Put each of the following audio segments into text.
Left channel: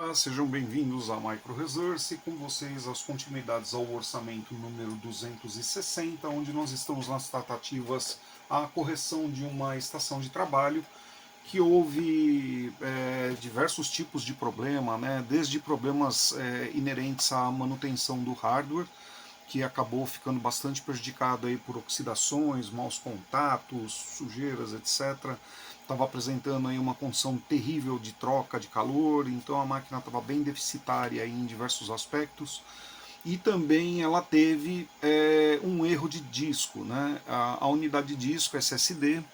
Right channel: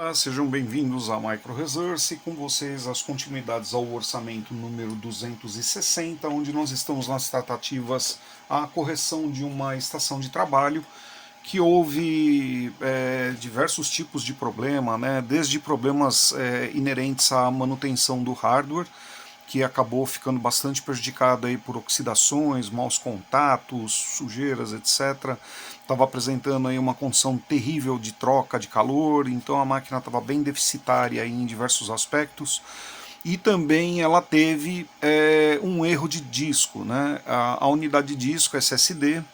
Olá, sejam bem-vindos a Micro Resource, com vocês as continuidades ao orçamento número 260, onde nós estamos nas tratativas à correção de uma estação de trabalho que houve diversos tipos de problema, né? Desde problemas inerentes à manutenção do hardware, que acabou ficando bastante prejudicado aí por oxidações, maus contatos, sujeiras, etc. Estava apresentando aí uma condição terrível de troca de calor, então a máquina estava bem deficitária aí em diversos aspectos. E também ela teve um erro de disco, né? A unidade de disco SSD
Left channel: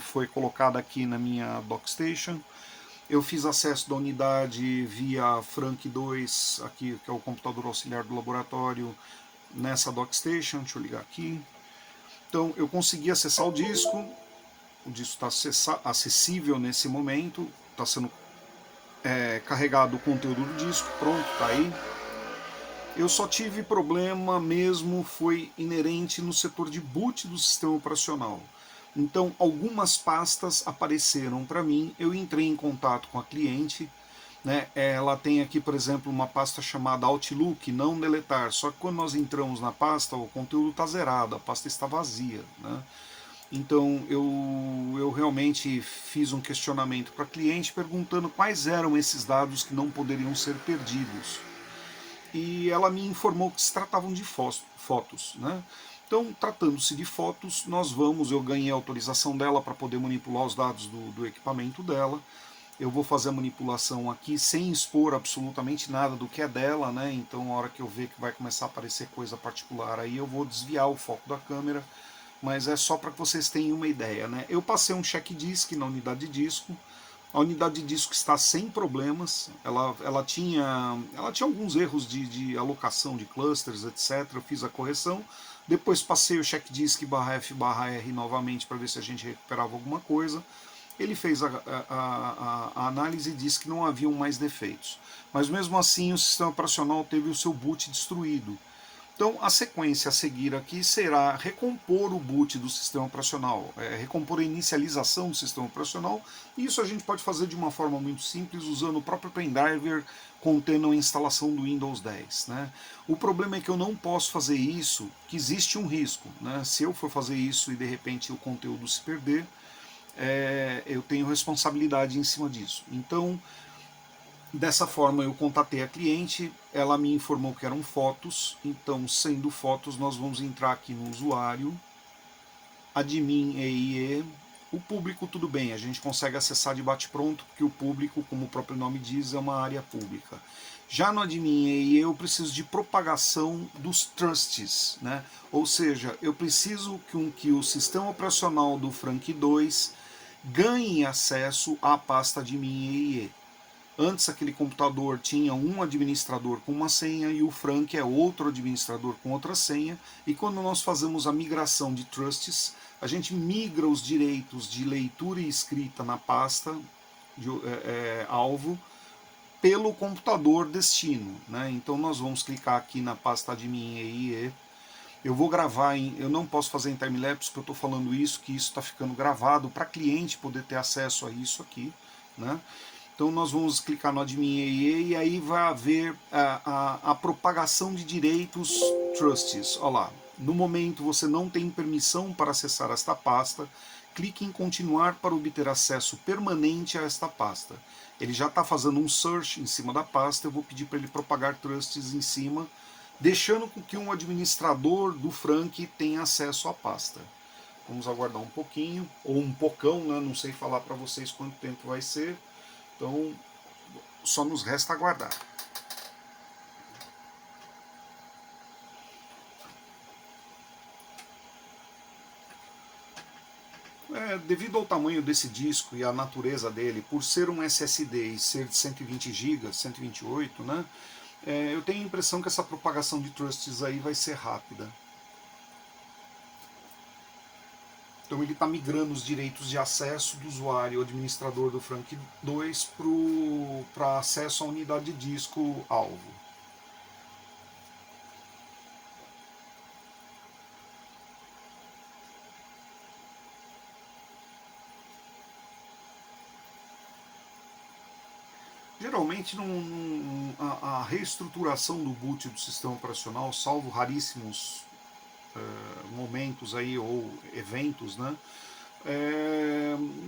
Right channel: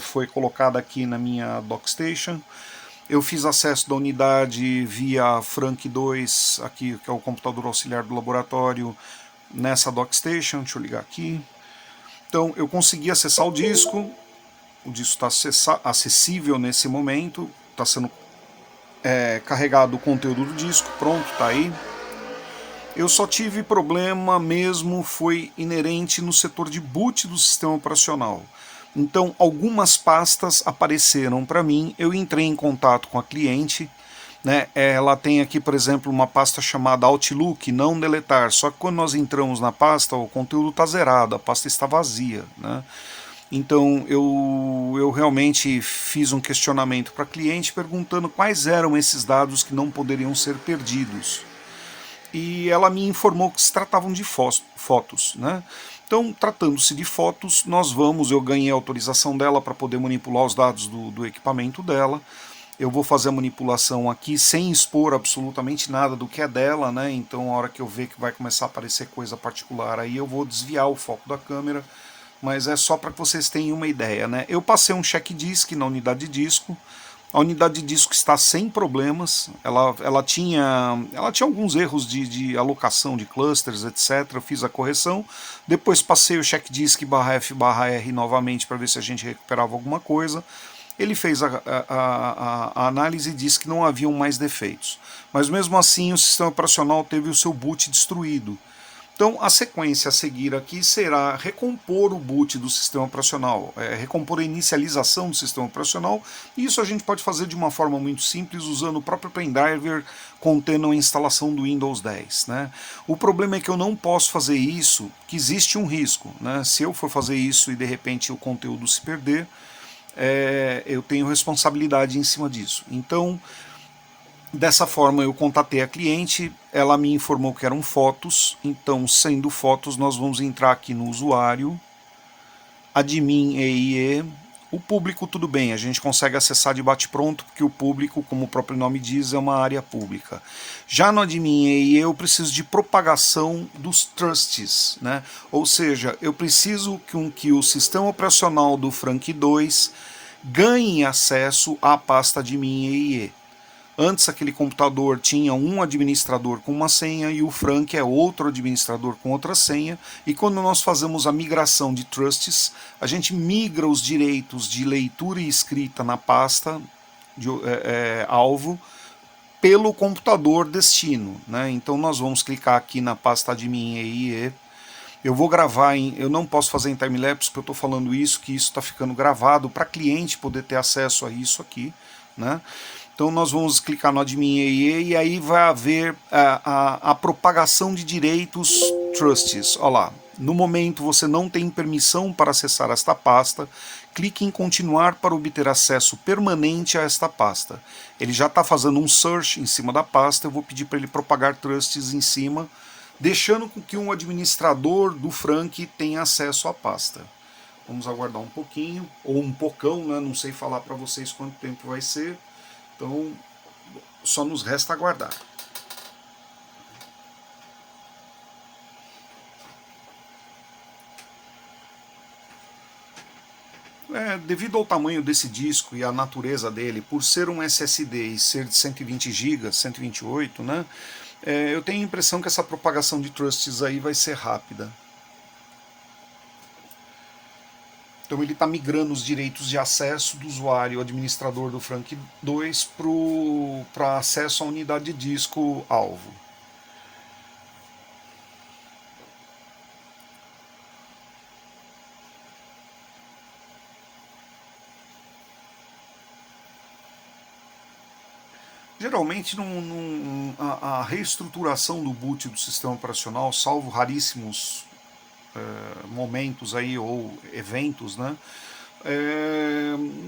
foi colocada aqui na minha Dockstation. Eu fiz acesso da unidade via Frank 2, aqui, que é o computador auxiliar do laboratório, nessa Dockstation. Deixa eu ligar aqui. Então eu consegui acessar o disco está acessível nesse momento, está sendo carregado o conteúdo do disco, pronto, está aí. Eu só tive problema mesmo, foi inerente no setor de boot do sistema operacional. Então, algumas pastas apareceram para mim, eu entrei em contato com a cliente, né? Ela tem aqui, por exemplo, uma pasta chamada Outlook, não deletar, só que quando nós entramos na pasta, o conteúdo está zerado, a pasta está vazia, né? Então eu realmente fiz um questionamento para a cliente perguntando quais eram esses dados que não poderiam ser perdidos, e ela me informou que se tratavam de fotos, né? Então, tratando-se de fotos, eu ganhei a autorização dela para poder manipular os dados do equipamento dela. Eu vou fazer a manipulação aqui sem expor absolutamente nada do que é dela, né? Então, a hora que eu ver que vai começar a aparecer coisa particular, aí eu vou desviar o foco da câmera, mas é só para que vocês tenham uma ideia, né? Eu passei um check disk na unidade de disco. A unidade de disco está sem problemas. Ela tinha alguns erros de alocação de clusters, etc. Eu fiz a correção. Depois passei o check disk /F/R novamente para ver se a gente recuperava alguma coisa. Ele fez a análise e disse que não haviam mais defeitos. Mas mesmo assim o sistema operacional teve o seu boot destruído. Então, a sequência a seguir aqui será recompor o boot do sistema operacional, recompor a inicialização do sistema operacional, e isso a gente pode fazer de uma forma muito simples, usando o próprio pendriver contendo a instalação do Windows 10. Né? O problema é que eu não posso fazer isso, que existe um risco. Né? Se eu for fazer isso e de repente o conteúdo se perder, eu tenho responsabilidade em cima disso. Então, dessa forma, eu contatei a cliente, ela me informou que eram fotos, então, sendo fotos, nós vamos entrar aqui no usuário, admin EIE, o público tudo bem, a gente consegue acessar de bate-pronto, porque o público, como o próprio nome diz, é uma área pública. Já no admin EIE eu preciso de propagação dos trusts, né? Ou seja, eu preciso que o sistema operacional do Frank 2 ganhe acesso à pasta admin EIE. Antes aquele computador tinha um administrador com uma senha e o Frank é outro administrador com outra senha. E quando nós fazemos a migração de trusts, a gente migra os direitos de leitura e escrita na pasta alvo pelo computador destino. Né? Então nós vamos clicar aqui na pasta admin EIE. Eu vou gravar eu não posso fazer em timelapse porque eu estou falando isso, que isso está ficando gravado para cliente poder ter acesso a isso aqui, né? Então nós vamos clicar no admin EE e aí vai haver a propagação de direitos trusts. Olha lá, no momento você não tem permissão para acessar esta pasta, clique em continuar para obter acesso permanente a esta pasta. Ele já está fazendo um search em cima da pasta, eu vou pedir para ele propagar trusts em cima, deixando com que um administrador do Frank tenha acesso à pasta. Vamos aguardar um pouquinho, ou um pocão, né? Não sei falar para vocês quanto tempo vai ser. Então, só nos resta aguardar. Devido ao tamanho desse disco e à natureza dele, por ser um SSD e ser de 120 GB, 128, né? Eu tenho a impressão que essa propagação de trusts aí vai ser rápida. Então ele está migrando os direitos de acesso do usuário administrador do Frank 2 para acesso à unidade de disco alvo. geralmente a reestruturação do boot do sistema operacional, salvo raríssimos momentos aí ou eventos, né,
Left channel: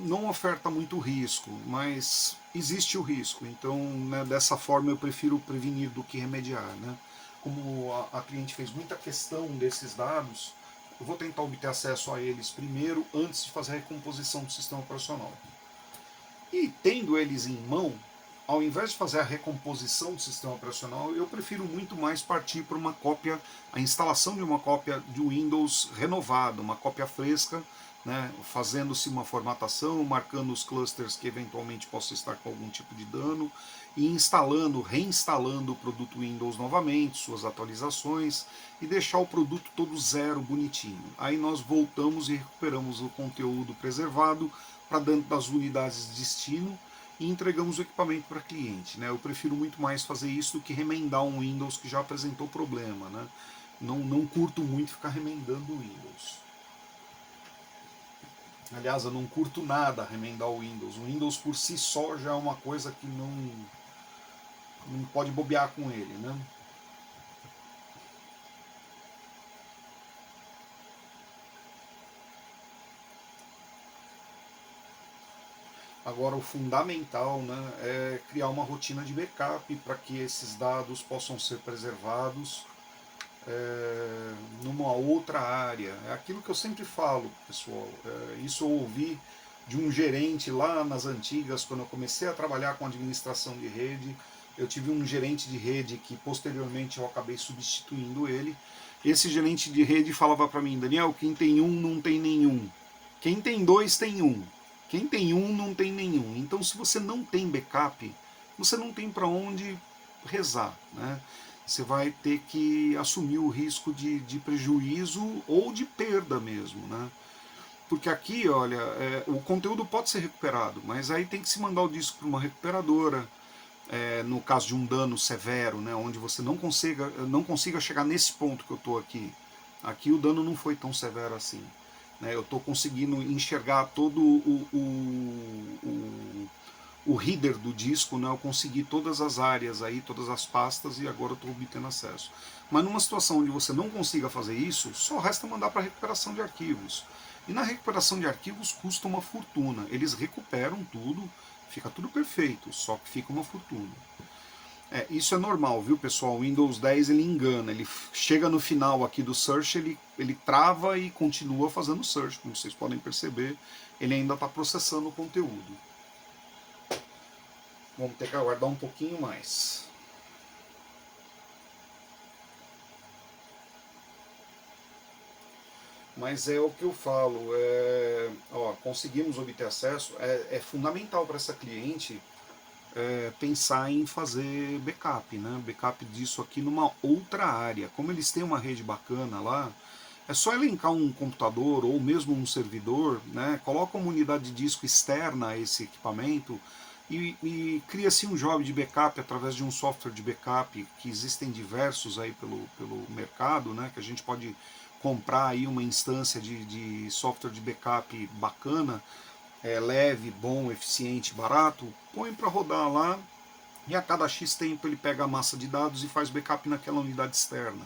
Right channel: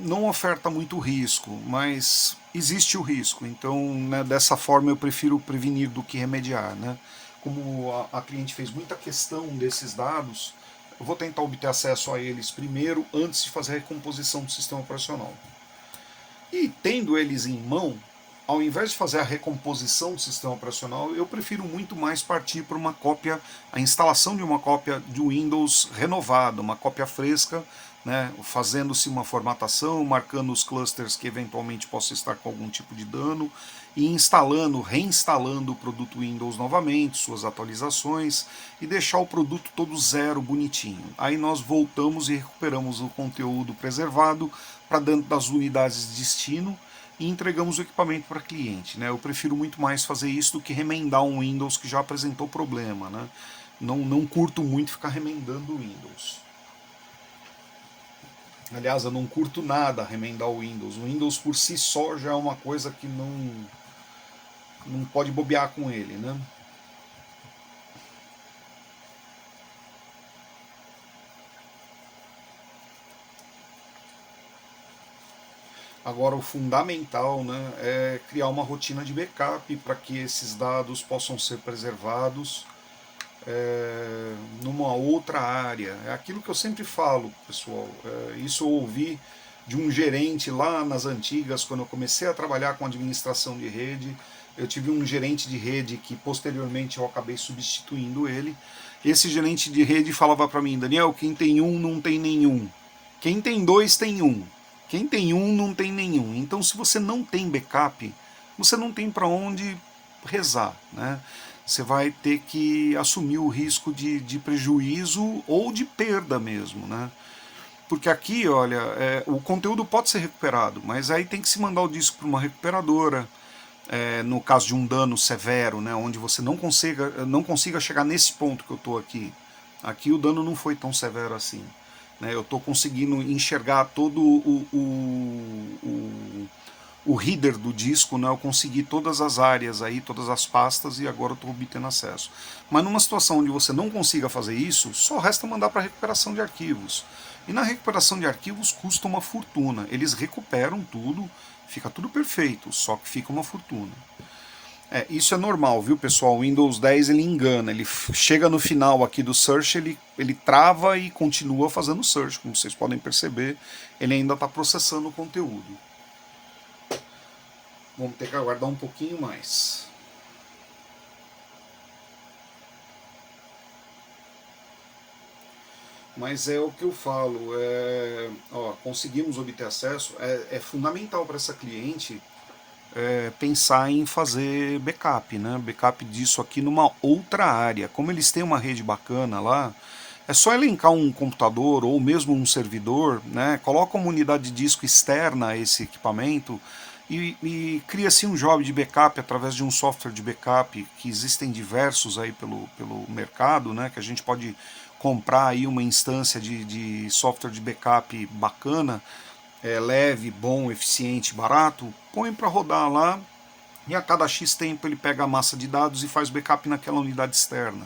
não oferta muito risco, mas existe o risco. Então, né, dessa forma eu prefiro prevenir do que remediar, né? Como a cliente fez muita questão desses dados, eu vou tentar obter acesso a eles primeiro, antes de fazer a recomposição do sistema operacional. E tendo eles em mão, ao invés de fazer a recomposição do sistema operacional, eu prefiro muito mais partir para uma cópia, a instalação de uma cópia de Windows renovada, uma cópia fresca, né, fazendo-se uma formatação, marcando os clusters que eventualmente possam estar com algum tipo de dano, e instalando, reinstalando o produto Windows novamente, suas atualizações, e deixar o produto todo zero, bonitinho. Aí nós voltamos e recuperamos o conteúdo preservado para dentro das unidades de destino, e entregamos o equipamento para cliente. Né? Eu prefiro muito mais fazer isso do que remendar um Windows que já apresentou problema. Né? Não curto muito ficar remendando o Windows. Aliás, eu não curto nada remendar o Windows. O Windows por si só já é uma coisa que não pode bobear com ele. Né? Agora, o fundamental, né, é criar uma rotina de backup para que esses dados possam ser preservados numa outra área. É aquilo que eu sempre falo, pessoal. Isso eu ouvi de um gerente lá nas antigas, quando eu comecei a trabalhar com administração de rede. Eu tive um gerente de rede que posteriormente eu acabei substituindo ele. Esse gerente de rede falava para mim: Daniel, quem tem um não tem nenhum. Quem tem dois tem um. Quem tem um não tem nenhum. Então, se você não tem backup, você não tem para onde rezar, né? Você vai ter que assumir o risco de prejuízo ou de perda mesmo, né? Porque aqui, olha, o conteúdo pode ser recuperado, mas aí tem que se mandar o disco para uma recuperadora, no caso de um dano severo, né, onde você não consiga chegar nesse ponto que eu estou aqui. Aqui o dano não foi tão severo assim. Né, eu estou conseguindo enxergar todo o reader do disco, né, eu consegui todas as áreas aí, todas as pastas, e agora eu estou obtendo acesso. Mas numa situação onde você não consiga fazer isso, só resta mandar para recuperação de arquivos. E na recuperação de arquivos custa uma fortuna. Eles recuperam tudo, fica tudo perfeito, só que fica uma fortuna. Isso é normal, viu, pessoal? O Windows 10 ele engana, ele chega no final aqui do search, ele trava e continua fazendo search, como vocês podem perceber, ele ainda está processando o conteúdo. Vamos ter que aguardar um pouquinho mais. Mas é o que eu falo, conseguimos obter acesso, é fundamental para essa cliente pensar em fazer backup, né? Backup disso aqui numa outra área. Como eles têm uma rede bacana lá, é só elencar um computador ou mesmo um servidor, né? Coloca uma unidade de disco externa a esse equipamento e cria-se um job de backup através de um software de backup, que existem diversos aí pelo mercado, né? Que a gente pode comprar aí uma instância de software de backup bacana, leve, bom, eficiente, barato, põe para rodar lá e a cada X tempo ele pega a massa de dados e faz backup naquela unidade externa.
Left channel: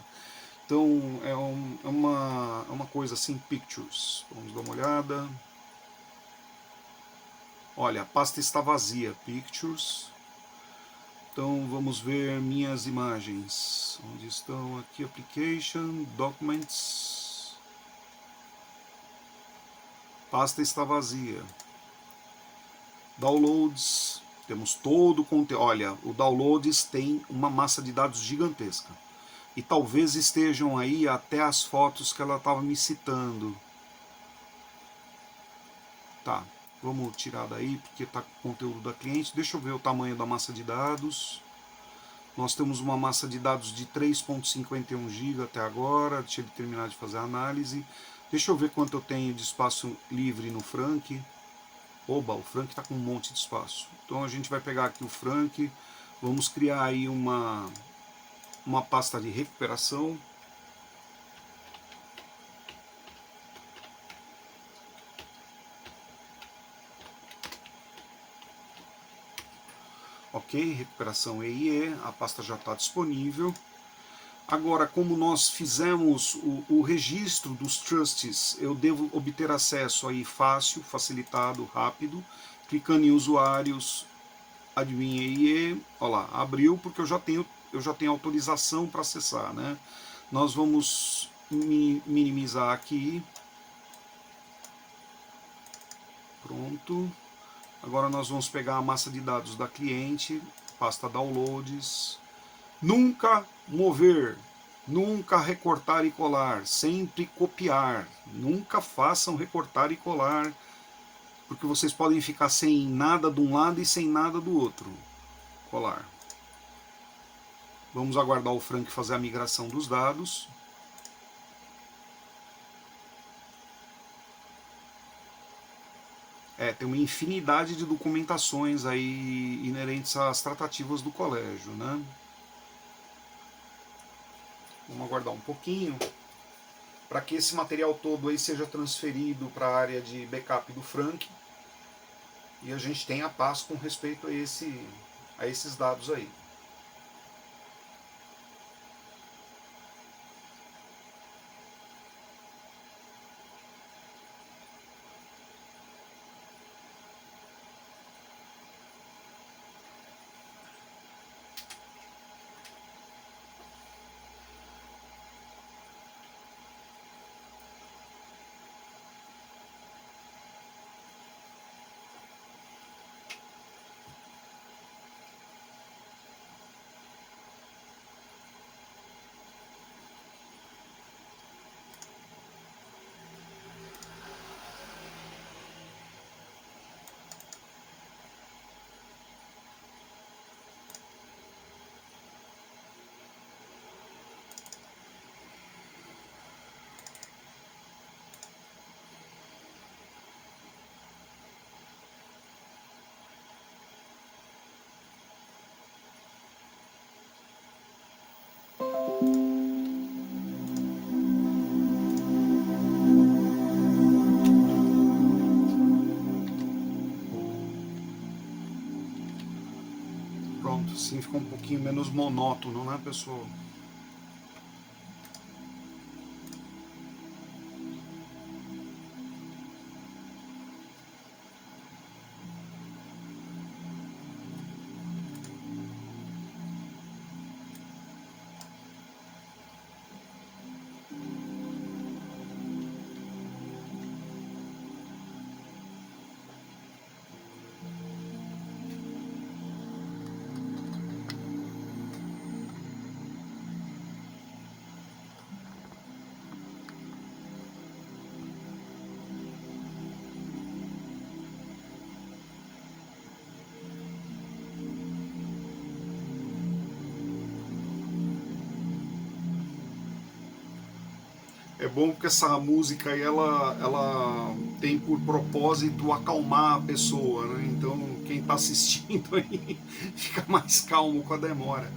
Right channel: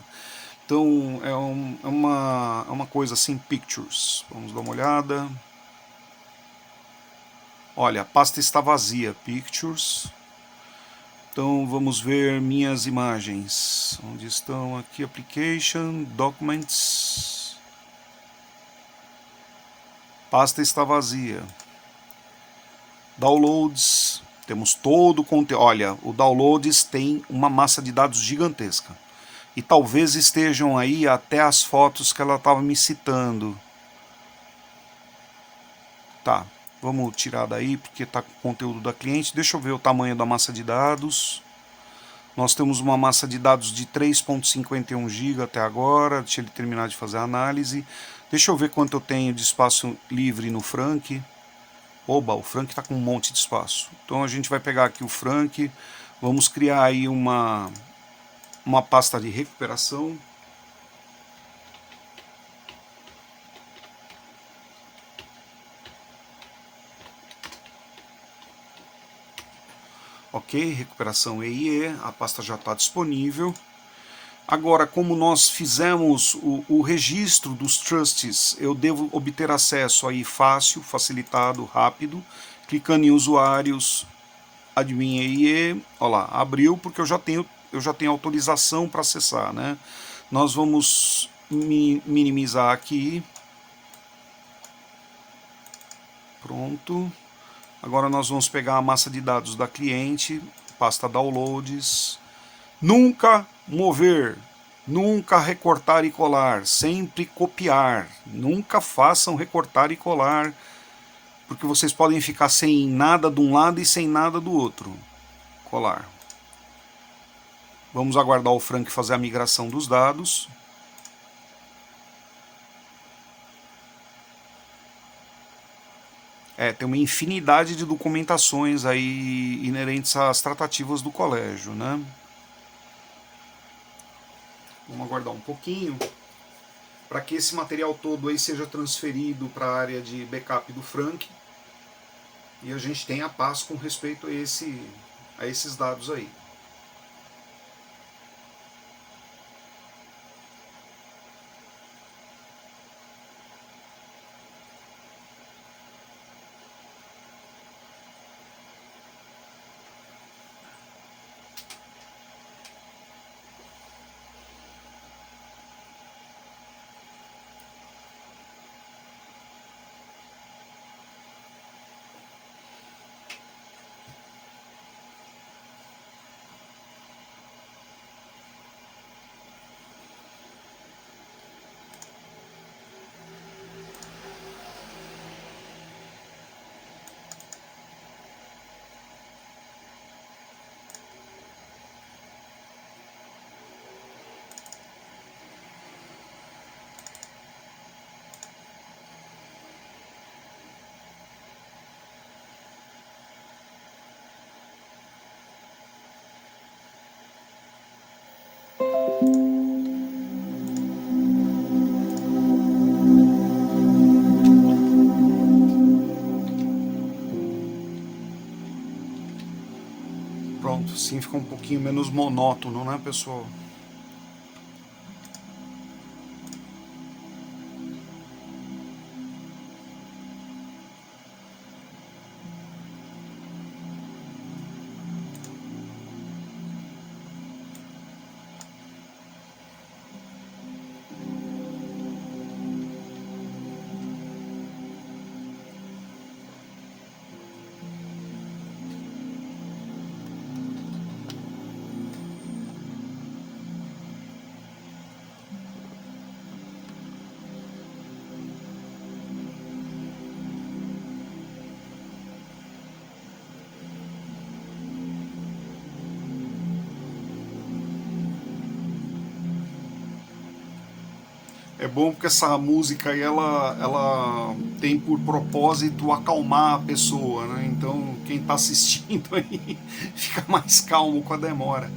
Então é uma coisa assim, pictures. Vamos dar uma olhada. Olha, a pasta está vazia, pictures. Então vamos ver minhas imagens. Onde estão aqui? Application, Documents. Pasta está vazia. Downloads. Temos todo o conteúdo. Olha, o Downloads tem uma massa de dados gigantesca. E talvez estejam aí até as fotos que ela estava me citando. Tá, vamos tirar daí porque está com o conteúdo da cliente. Deixa eu ver o tamanho da massa de dados. Nós temos uma massa de dados de 3.51 GB até agora. Deixa ele terminar de fazer a análise. Deixa eu ver quanto eu tenho de espaço livre no Frank. Oba, o Frank está com um monte de espaço. Então a gente vai pegar aqui o Frank. Vamos criar aí uma pasta de recuperação. Ok, Ok, recuperação EIE, a pasta já está disponível. Agora, como nós fizemos o registro dos trusts, eu devo obter acesso aí fácil, facilitado, rápido, clicando em usuários, admin EIE, olha lá, abriu porque eu já tenho autorização para acessar, né? Nós vamos minimizar aqui. Pronto. Agora nós vamos pegar a massa de dados da cliente, pasta downloads. Nunca mover, nunca recortar e colar, sempre copiar. Nunca façam recortar e colar, porque vocês podem ficar sem nada de um lado e sem nada do outro. Colar. Vamos aguardar o Frank fazer a migração dos dados. Tem uma infinidade de documentações aí inerentes às tratativas do colégio, né? Vamos aguardar um pouquinho para que esse material todo aí seja transferido para a área de backup do Frank e a gente tenha paz com respeito a esses dados aí. Pronto, assim fica um pouquinho menos monótono, né, pessoal? É bom porque essa música aí, ela tem por propósito acalmar a pessoa, né? Então quem está assistindo aí fica mais calmo com a demora.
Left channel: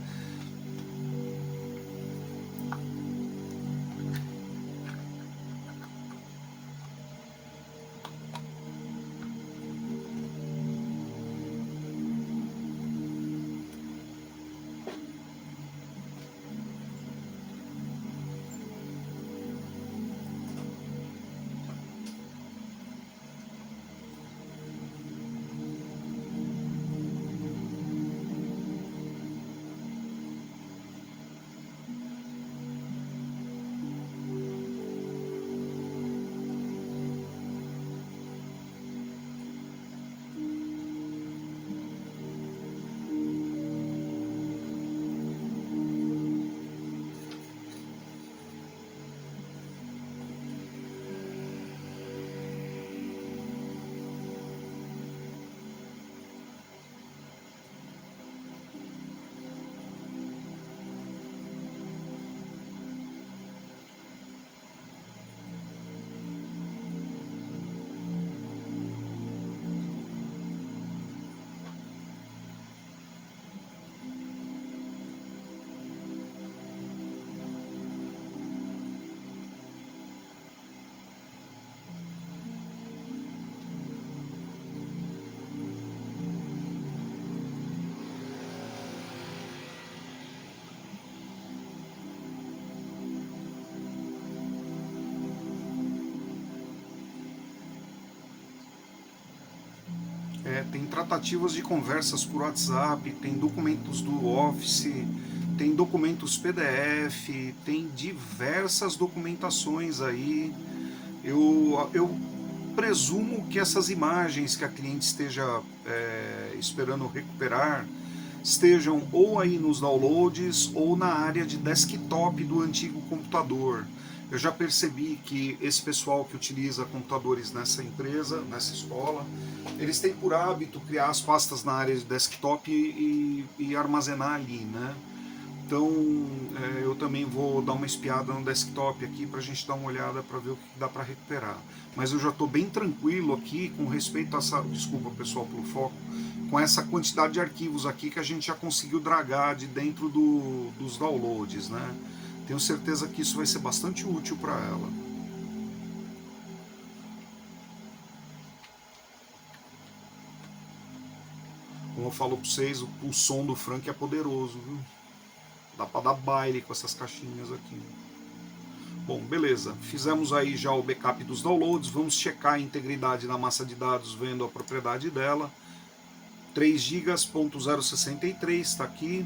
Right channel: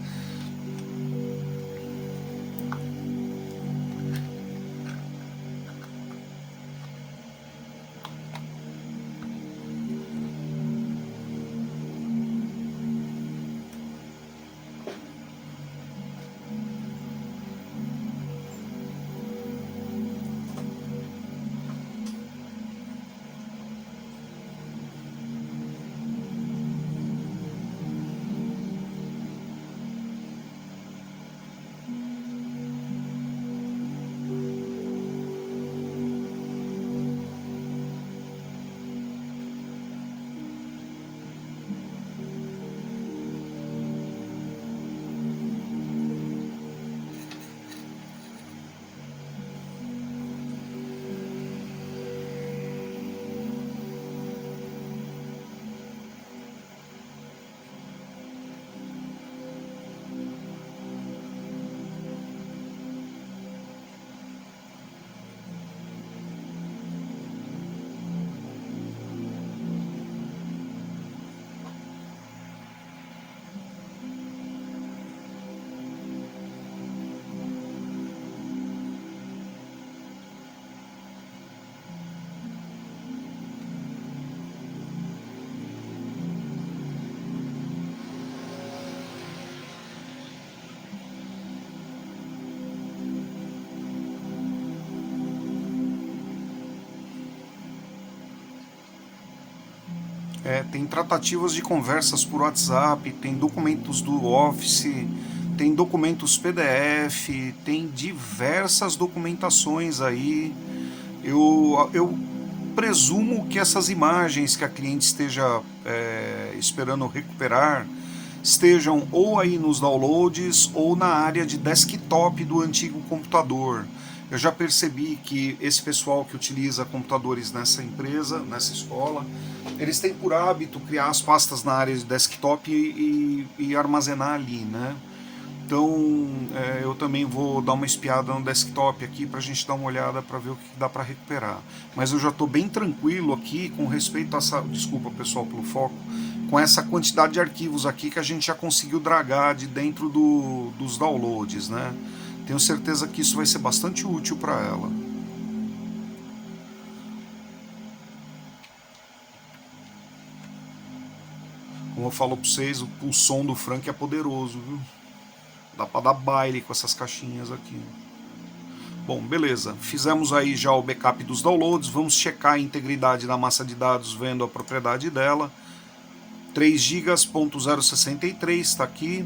tem tratativas de conversas por WhatsApp, tem documentos do Office, tem documentos PDF, tem diversas documentações aí. Eu presumo que essas imagens que a cliente esteja esperando recuperar estejam ou aí nos downloads ou na área de desktop do antigo computador. Eu já percebi que esse pessoal que utiliza computadores nessa empresa, nessa escola, eles têm por hábito criar as pastas na área de desktop e armazenar ali, né? Então eu também vou dar uma espiada no desktop aqui para a gente dar uma olhada para ver o que dá para recuperar. Mas eu já estou bem tranquilo aqui com respeito a essa. Desculpa pessoal pelo foco. Com essa quantidade de arquivos aqui que a gente já conseguiu dragar de dentro dos downloads, né? Tenho certeza que isso vai ser bastante útil para ela. Como eu falo para vocês, o som do Frank é poderoso, viu? Dá para dar baile com essas caixinhas aqui. Bom, beleza. Fizemos aí já o backup dos downloads. Vamos checar a integridade da massa de dados vendo a propriedade dela. 3 GB.063 está aqui.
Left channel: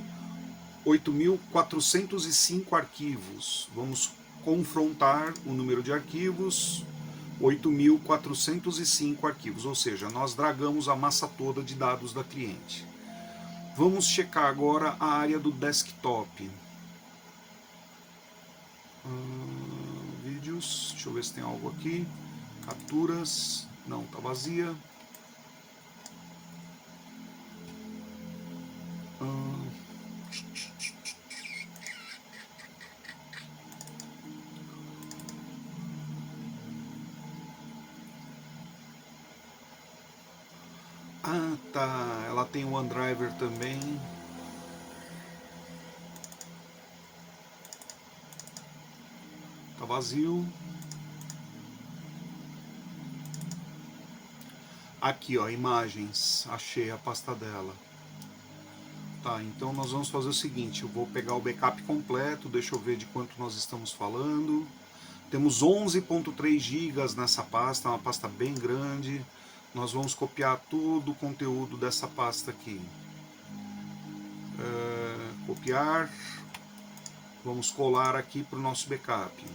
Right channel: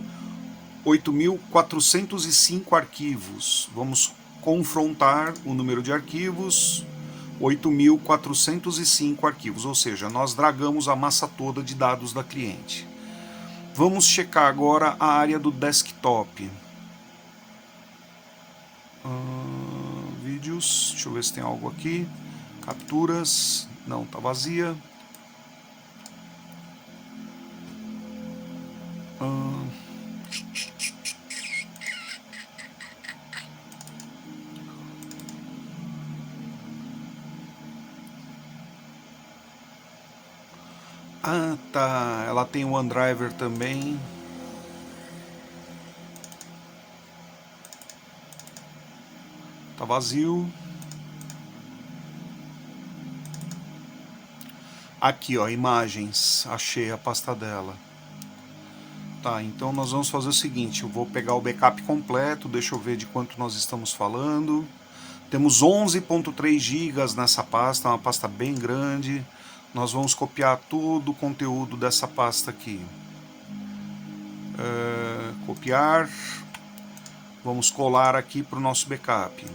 8.405 arquivos. Vamos confrontar o número de arquivos. 8.405 arquivos, ou seja, nós dragamos a massa toda de dados da cliente. Vamos checar agora a área do desktop. Vídeos, deixa eu ver se tem algo aqui. Capturas, não, tá vazia. Ah, tá. Ela tem o OneDrive também. Tá vazio. Aqui, ó, imagens. Achei a pasta dela. Tá, então nós vamos fazer o seguinte. Eu vou pegar o backup completo. Deixa eu ver de quanto nós estamos falando. Temos 11.3 GB nessa pasta. Uma pasta bem grande. Nós vamos copiar todo o conteúdo dessa pasta aqui. Copiar. Vamos colar aqui para o nosso backup.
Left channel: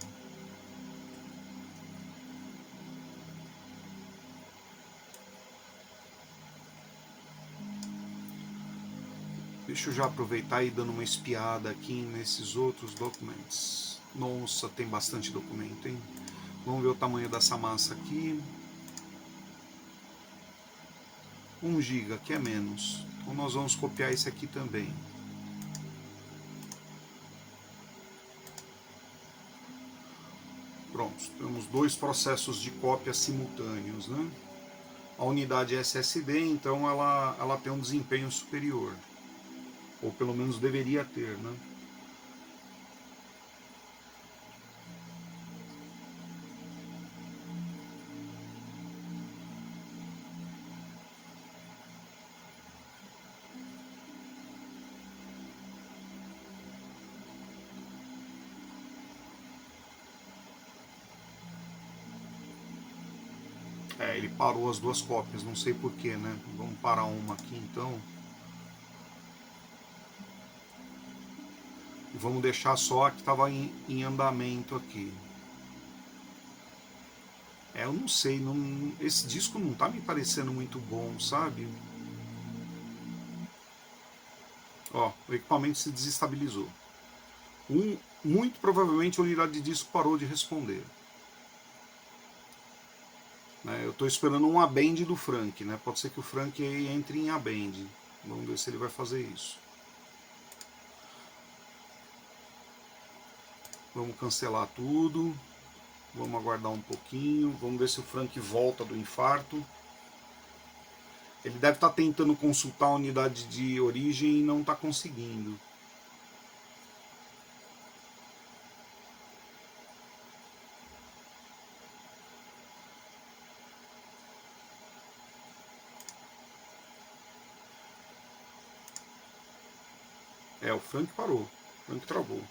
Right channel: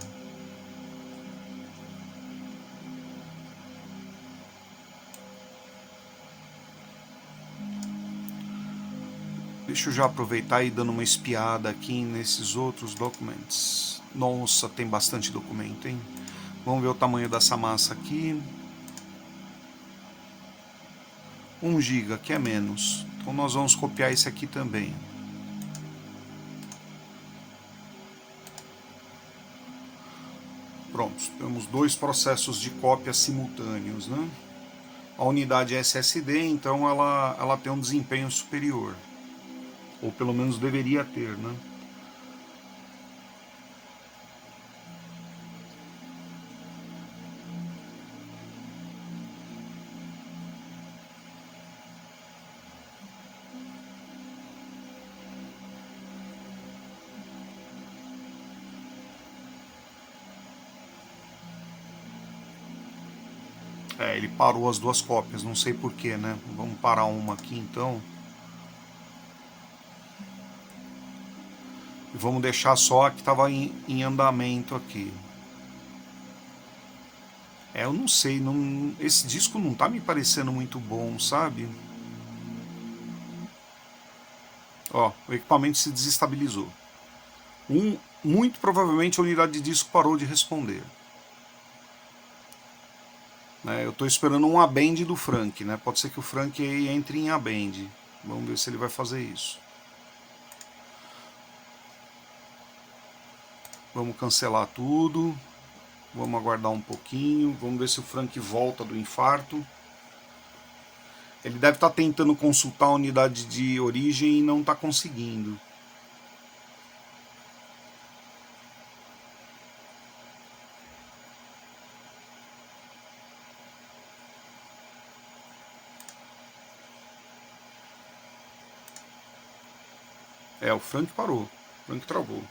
Deixa eu já aproveitar e dando uma espiada aqui nesses outros documentos. Nossa, tem bastante documento, hein? Vamos ver o tamanho dessa massa aqui. 1 GB, que é menos. Então nós vamos copiar esse aqui também. Pronto, temos 2 processos de cópia simultâneos, né? A unidade SSD, então, ela tem um desempenho superior. Ou pelo menos deveria ter, né? Ele parou as 2 cópias, não sei porquê, né? Vamos parar uma aqui então. E vamos deixar só a que estava em andamento aqui. Eu não sei, esse disco não tá me parecendo muito bom, sabe? Ó, o equipamento se desestabilizou. Muito provavelmente a unidade de disco parou de responder. Eu estou esperando um abend do Frank, né? Pode ser que o Frank entre em abend. Vamos ver se ele vai fazer isso. Vamos cancelar tudo. Vamos aguardar um pouquinho. Vamos ver se o Frank volta do infarto. Ele deve estar tentando consultar a unidade de origem e não está conseguindo. O Frank parou. O Frank travou.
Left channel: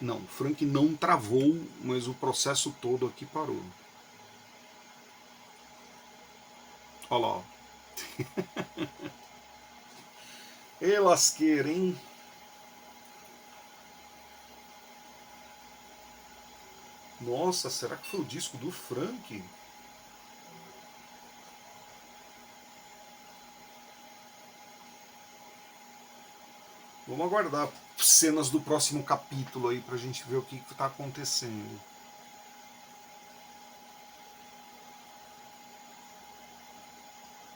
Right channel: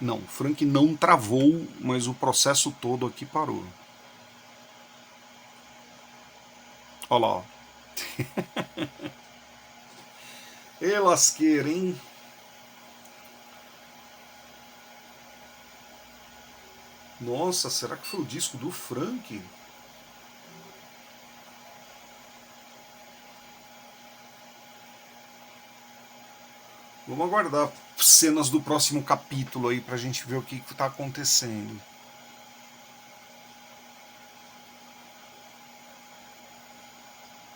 Não, o Frank não travou, mas o processo todo aqui parou. Olha lá, ó. E lasqueira, hein? Nossa, será que foi o disco do Frank? Vamos aguardar cenas do próximo capítulo aí pra gente ver o que tá acontecendo.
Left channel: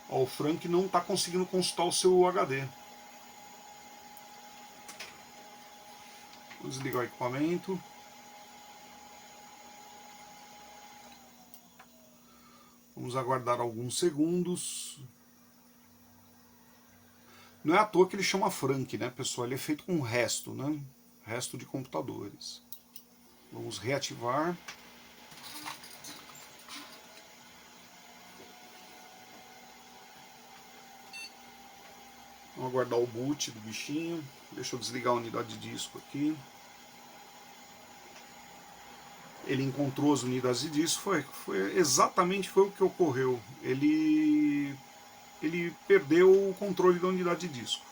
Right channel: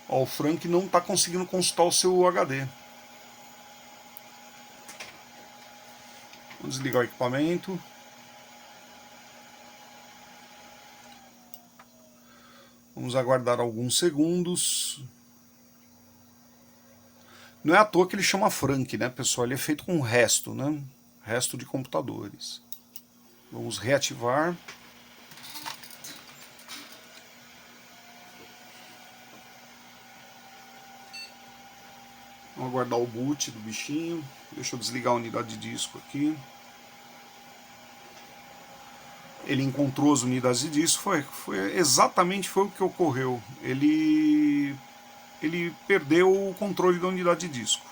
Ó, o Frank não tá conseguindo consultar o seu HD. Vou desligar o equipamento. Vamos aguardar alguns segundos. Não é à toa que ele chama Frank, né, pessoal? Ele é feito com resto, né? Resto de computadores. Vamos reativar. Vamos aguardar o boot do bichinho. Deixa eu desligar a unidade de disco aqui. Ele encontrou as unidades de disco. Exatamente foi o que ocorreu. Ele perdeu o controle da unidade de disco.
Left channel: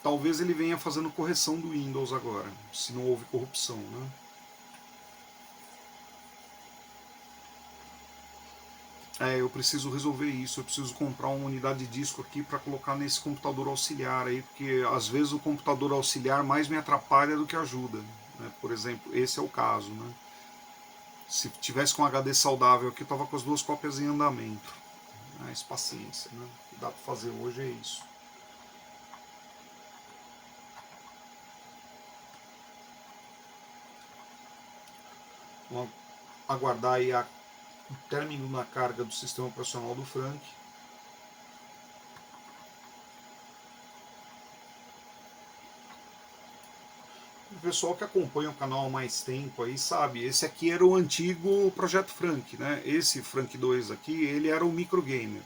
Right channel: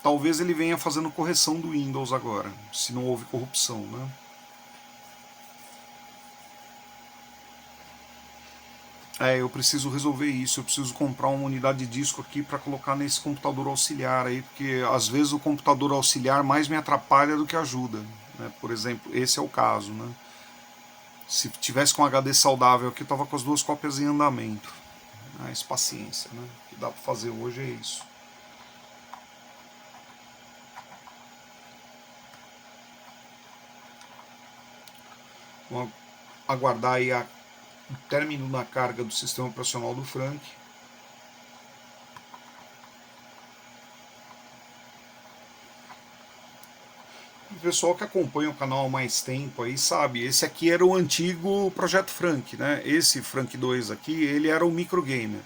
Talvez ele venha fazendo correção do Windows agora, se não houve corrupção, né? Eu preciso resolver isso, eu preciso comprar uma unidade de disco aqui para colocar nesse computador auxiliar aí, porque às vezes o computador auxiliar mais me atrapalha do que ajuda, né? Por exemplo, esse é o caso, né? Se tivesse com um HD saudável aqui, eu tava com as duas cópias em andamento. Mas paciência, né? O que dá para fazer hoje é isso. Vamos aguardar aí o término na carga do sistema operacional do Frank. O pessoal que acompanha o canal há mais tempo aí sabe, esse aqui era o antigo Projeto Frank, né? Esse Frank 2 aqui, ele era o microgamer.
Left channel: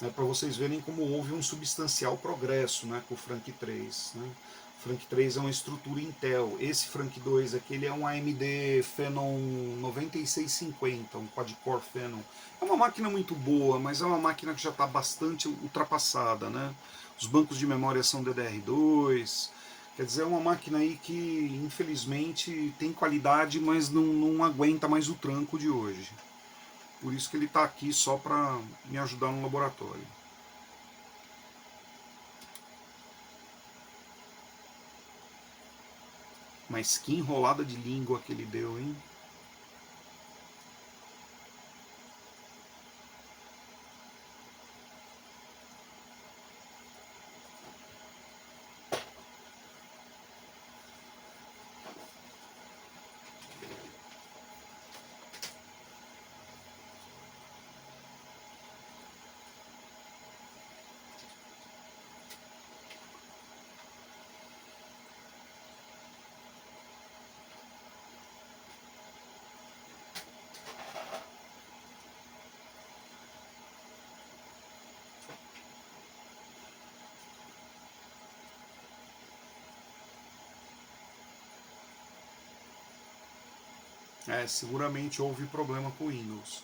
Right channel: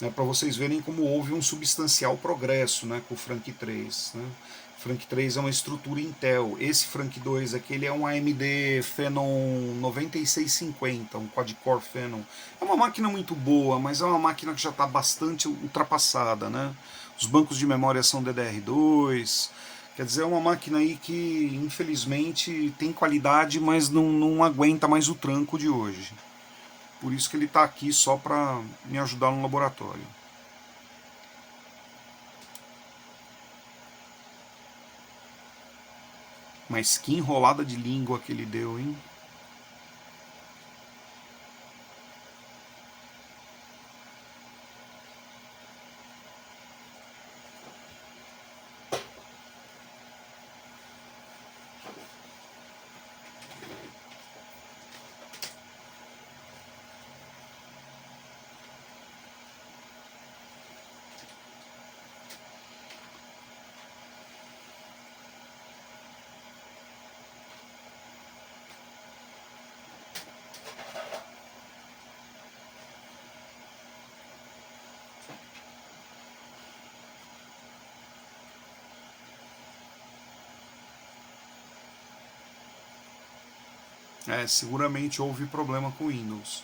Né? Para vocês verem como houve um substancial progresso, né, com o Frank 3. Né? O Frank 3 é uma estrutura Intel. Esse Frank 2 aqui ele é um AMD Phenom 9650, um quad-core Phenom. É uma máquina muito boa, mas é uma máquina que já está bastante ultrapassada. Né? Os bancos de memória são DDR2. Quer dizer, é uma máquina aí que, infelizmente, tem qualidade, mas não aguenta mais o tranco de hoje. Por isso que ele está aqui só para me ajudar no laboratório. Mas que enrolada de língua que ele deu, hein? Seguramente houve problema com o Windows.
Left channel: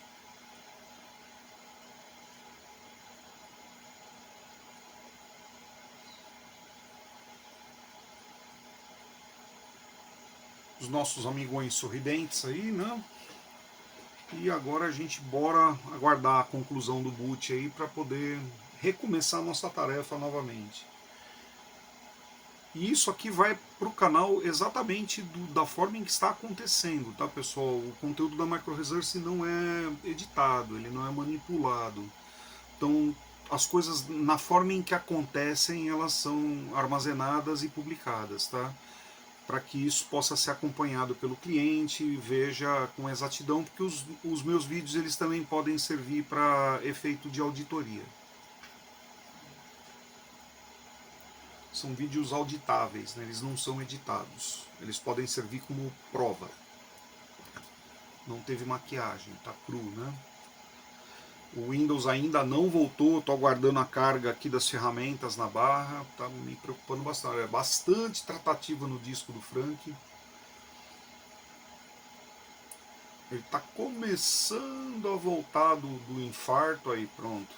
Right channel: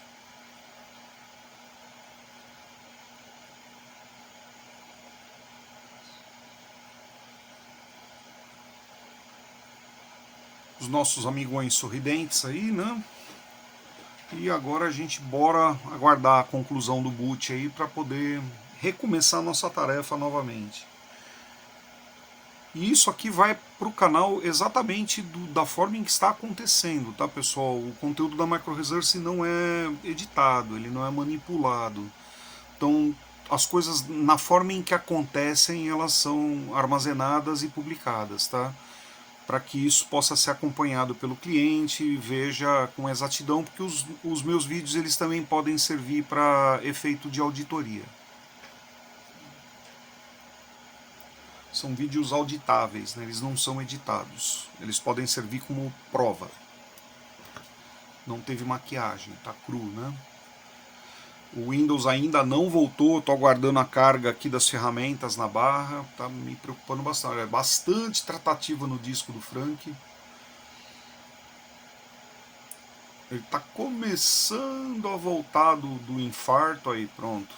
Os nossos amigões sorridentes aí, né? E agora a gente bora aguardar a conclusão do boot aí para poder recomeçar a nossa tarefa novamente. E isso aqui vai para o canal exatamente da forma em que está acontecendo, tá, pessoal? O conteúdo da MicroResource não é editado, ele não é manipulado. Então, as coisas, na forma em que acontecem, elas são armazenadas e publicadas, tá? Para que isso possa ser acompanhado pelo cliente e veja com exatidão, porque os meus vídeos eles também podem servir para efeito de auditoria. São vídeos auditáveis, né? Eles não são editados. Eles podem servir como prova. Não teve maquiagem, tá cru, né? O Windows ainda não voltou, estou aguardando a carga aqui das ferramentas na barra, tá me preocupando bastante. É bastante tratativa no disco do Frank. Ele está começando a voltar do infarto aí, pronto.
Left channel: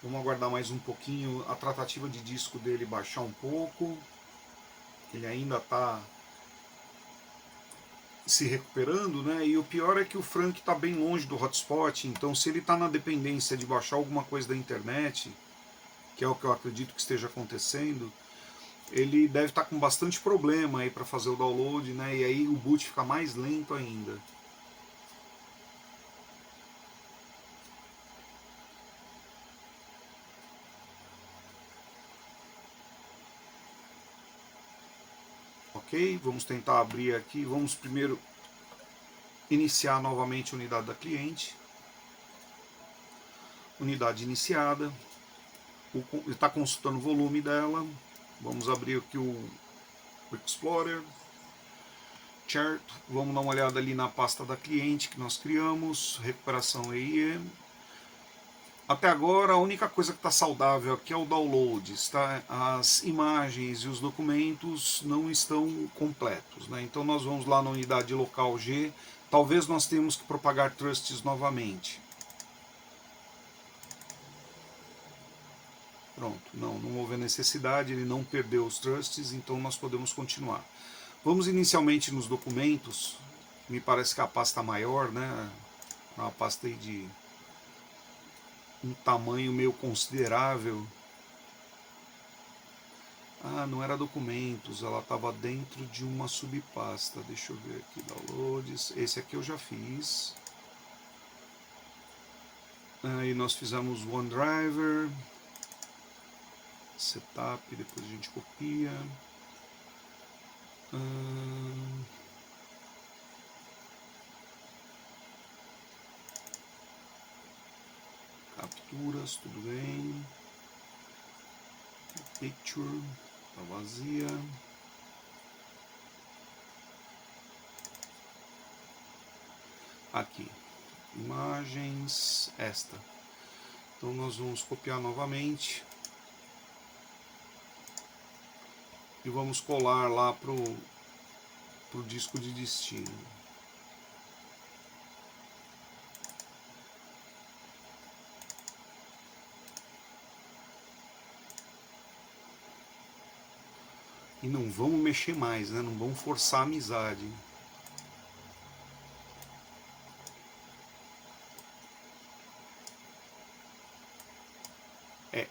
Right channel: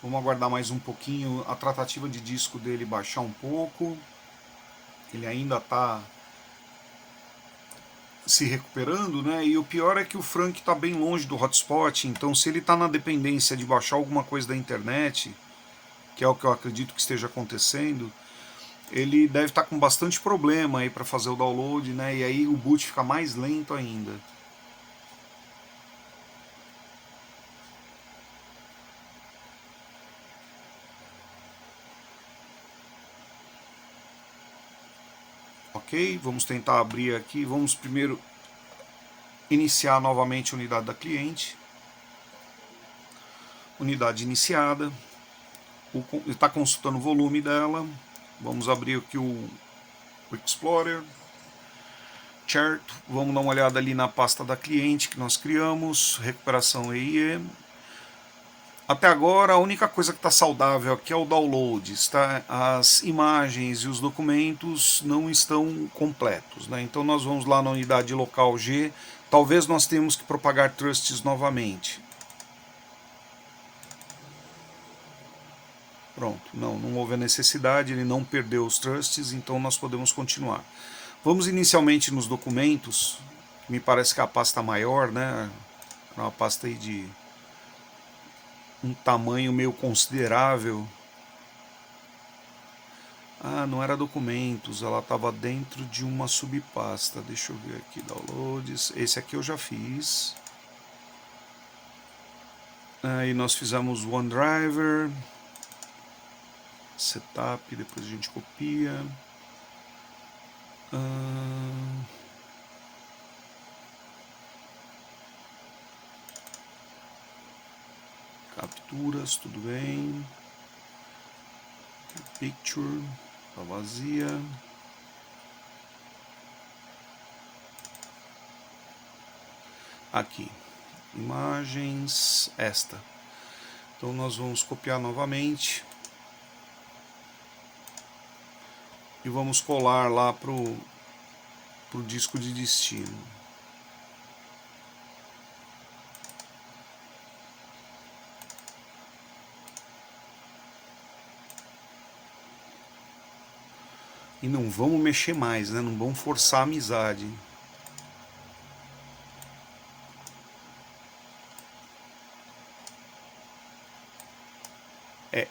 Vamos aguardar mais um pouquinho a tratativa de disco dele baixar um pouco. Ele ainda está se recuperando, né? E o pior é que o Frank está bem longe do hotspot, então se ele está na dependência de baixar alguma coisa da internet, que é o que eu acredito que esteja acontecendo, ele deve estar com bastante problema aí para fazer o download, né? E aí o boot fica mais lento ainda. Ok, vamos tentar abrir aqui. Vamos primeiro iniciar novamente a unidade da cliente. Unidade iniciada. Está consultando o volume dela. Vamos abrir aqui o Explorer. Chart. Vamos dar uma olhada ali na pasta da cliente que nós criamos. Recuperação EIE. Até agora a única coisa que está saudável aqui é o download, tá? As imagens e os documentos não estão completos, né? Então nós vamos lá na unidade local G, talvez nós tenhamos que propagar trusts novamente. Pronto, não houve a necessidade, ele não perdeu os trusts, então nós podemos continuar. Vamos inicialmente nos documentos, me parece que a pasta maior, né? Uma pasta aí de um tamanho meio considerável. Ah, não era documentos, ela estava dentro de uma subpasta. Deixa eu ver aqui, downloads. Esse aqui eu já fiz. Aí nós fizemos OneDriver, setup, depois a gente copia. Capturas, tudo bem. Picture, tá vazia. Aqui, imagens, esta. Então nós vamos copiar novamente e vamos colar lá pro disco de destino. E não vamos mexer mais, né? Não vamos forçar a amizade.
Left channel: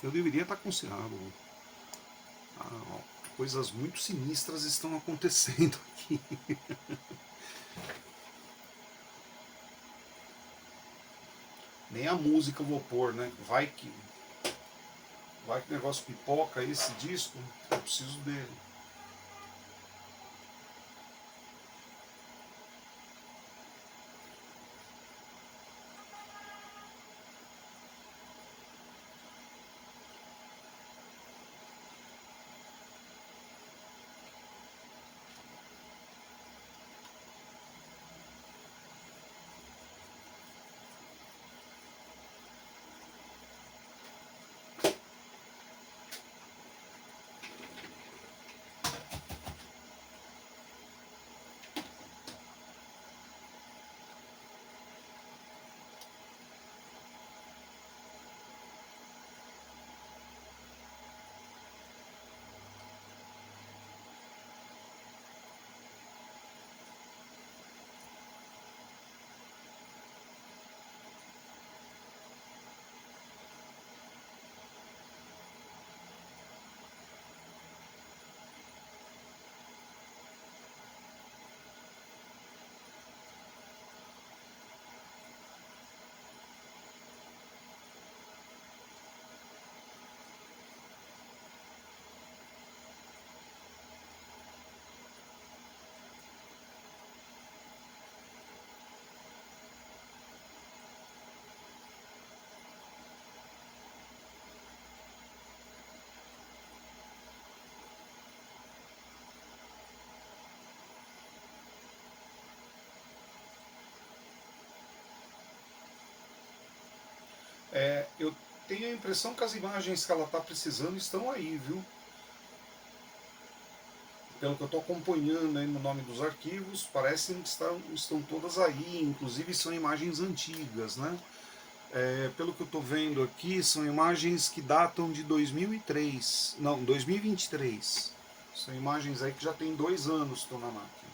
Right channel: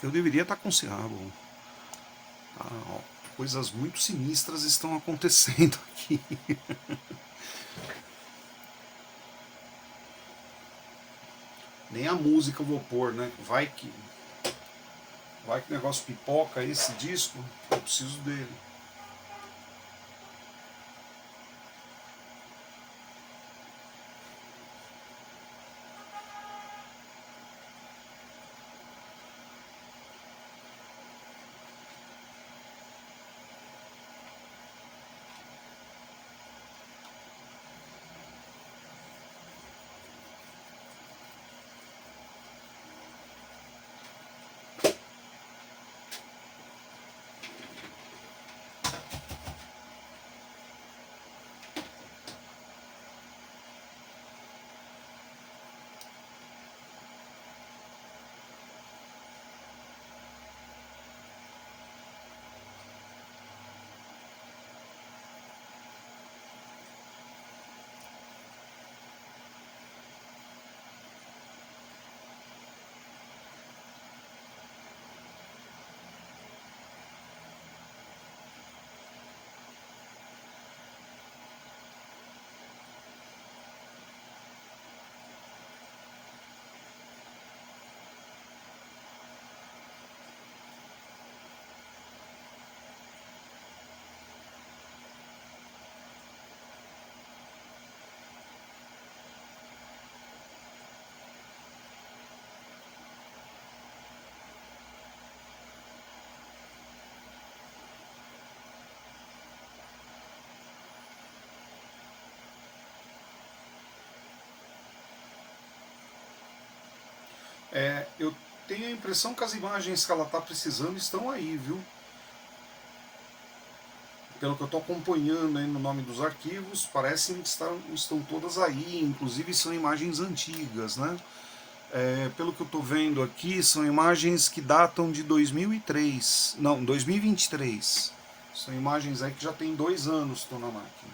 Eu deveria estar com bom. Ah, ó, coisas muito sinistras estão acontecendo aqui. Nem a música eu vou pôr, né? Vai que o negócio pipoca esse disco, eu preciso dele. Eu tenho a impressão que as imagens que ela está precisando estão aí, viu? pelo que eu estou acompanhando aí no nome dos arquivos, parece que estão todas aí, inclusive são imagens antigas, né? Pelo que eu estou vendo aqui, são imagens que datam de 2003, não, 2023. São imagens aí que já tem 2 anos que estão na máquina.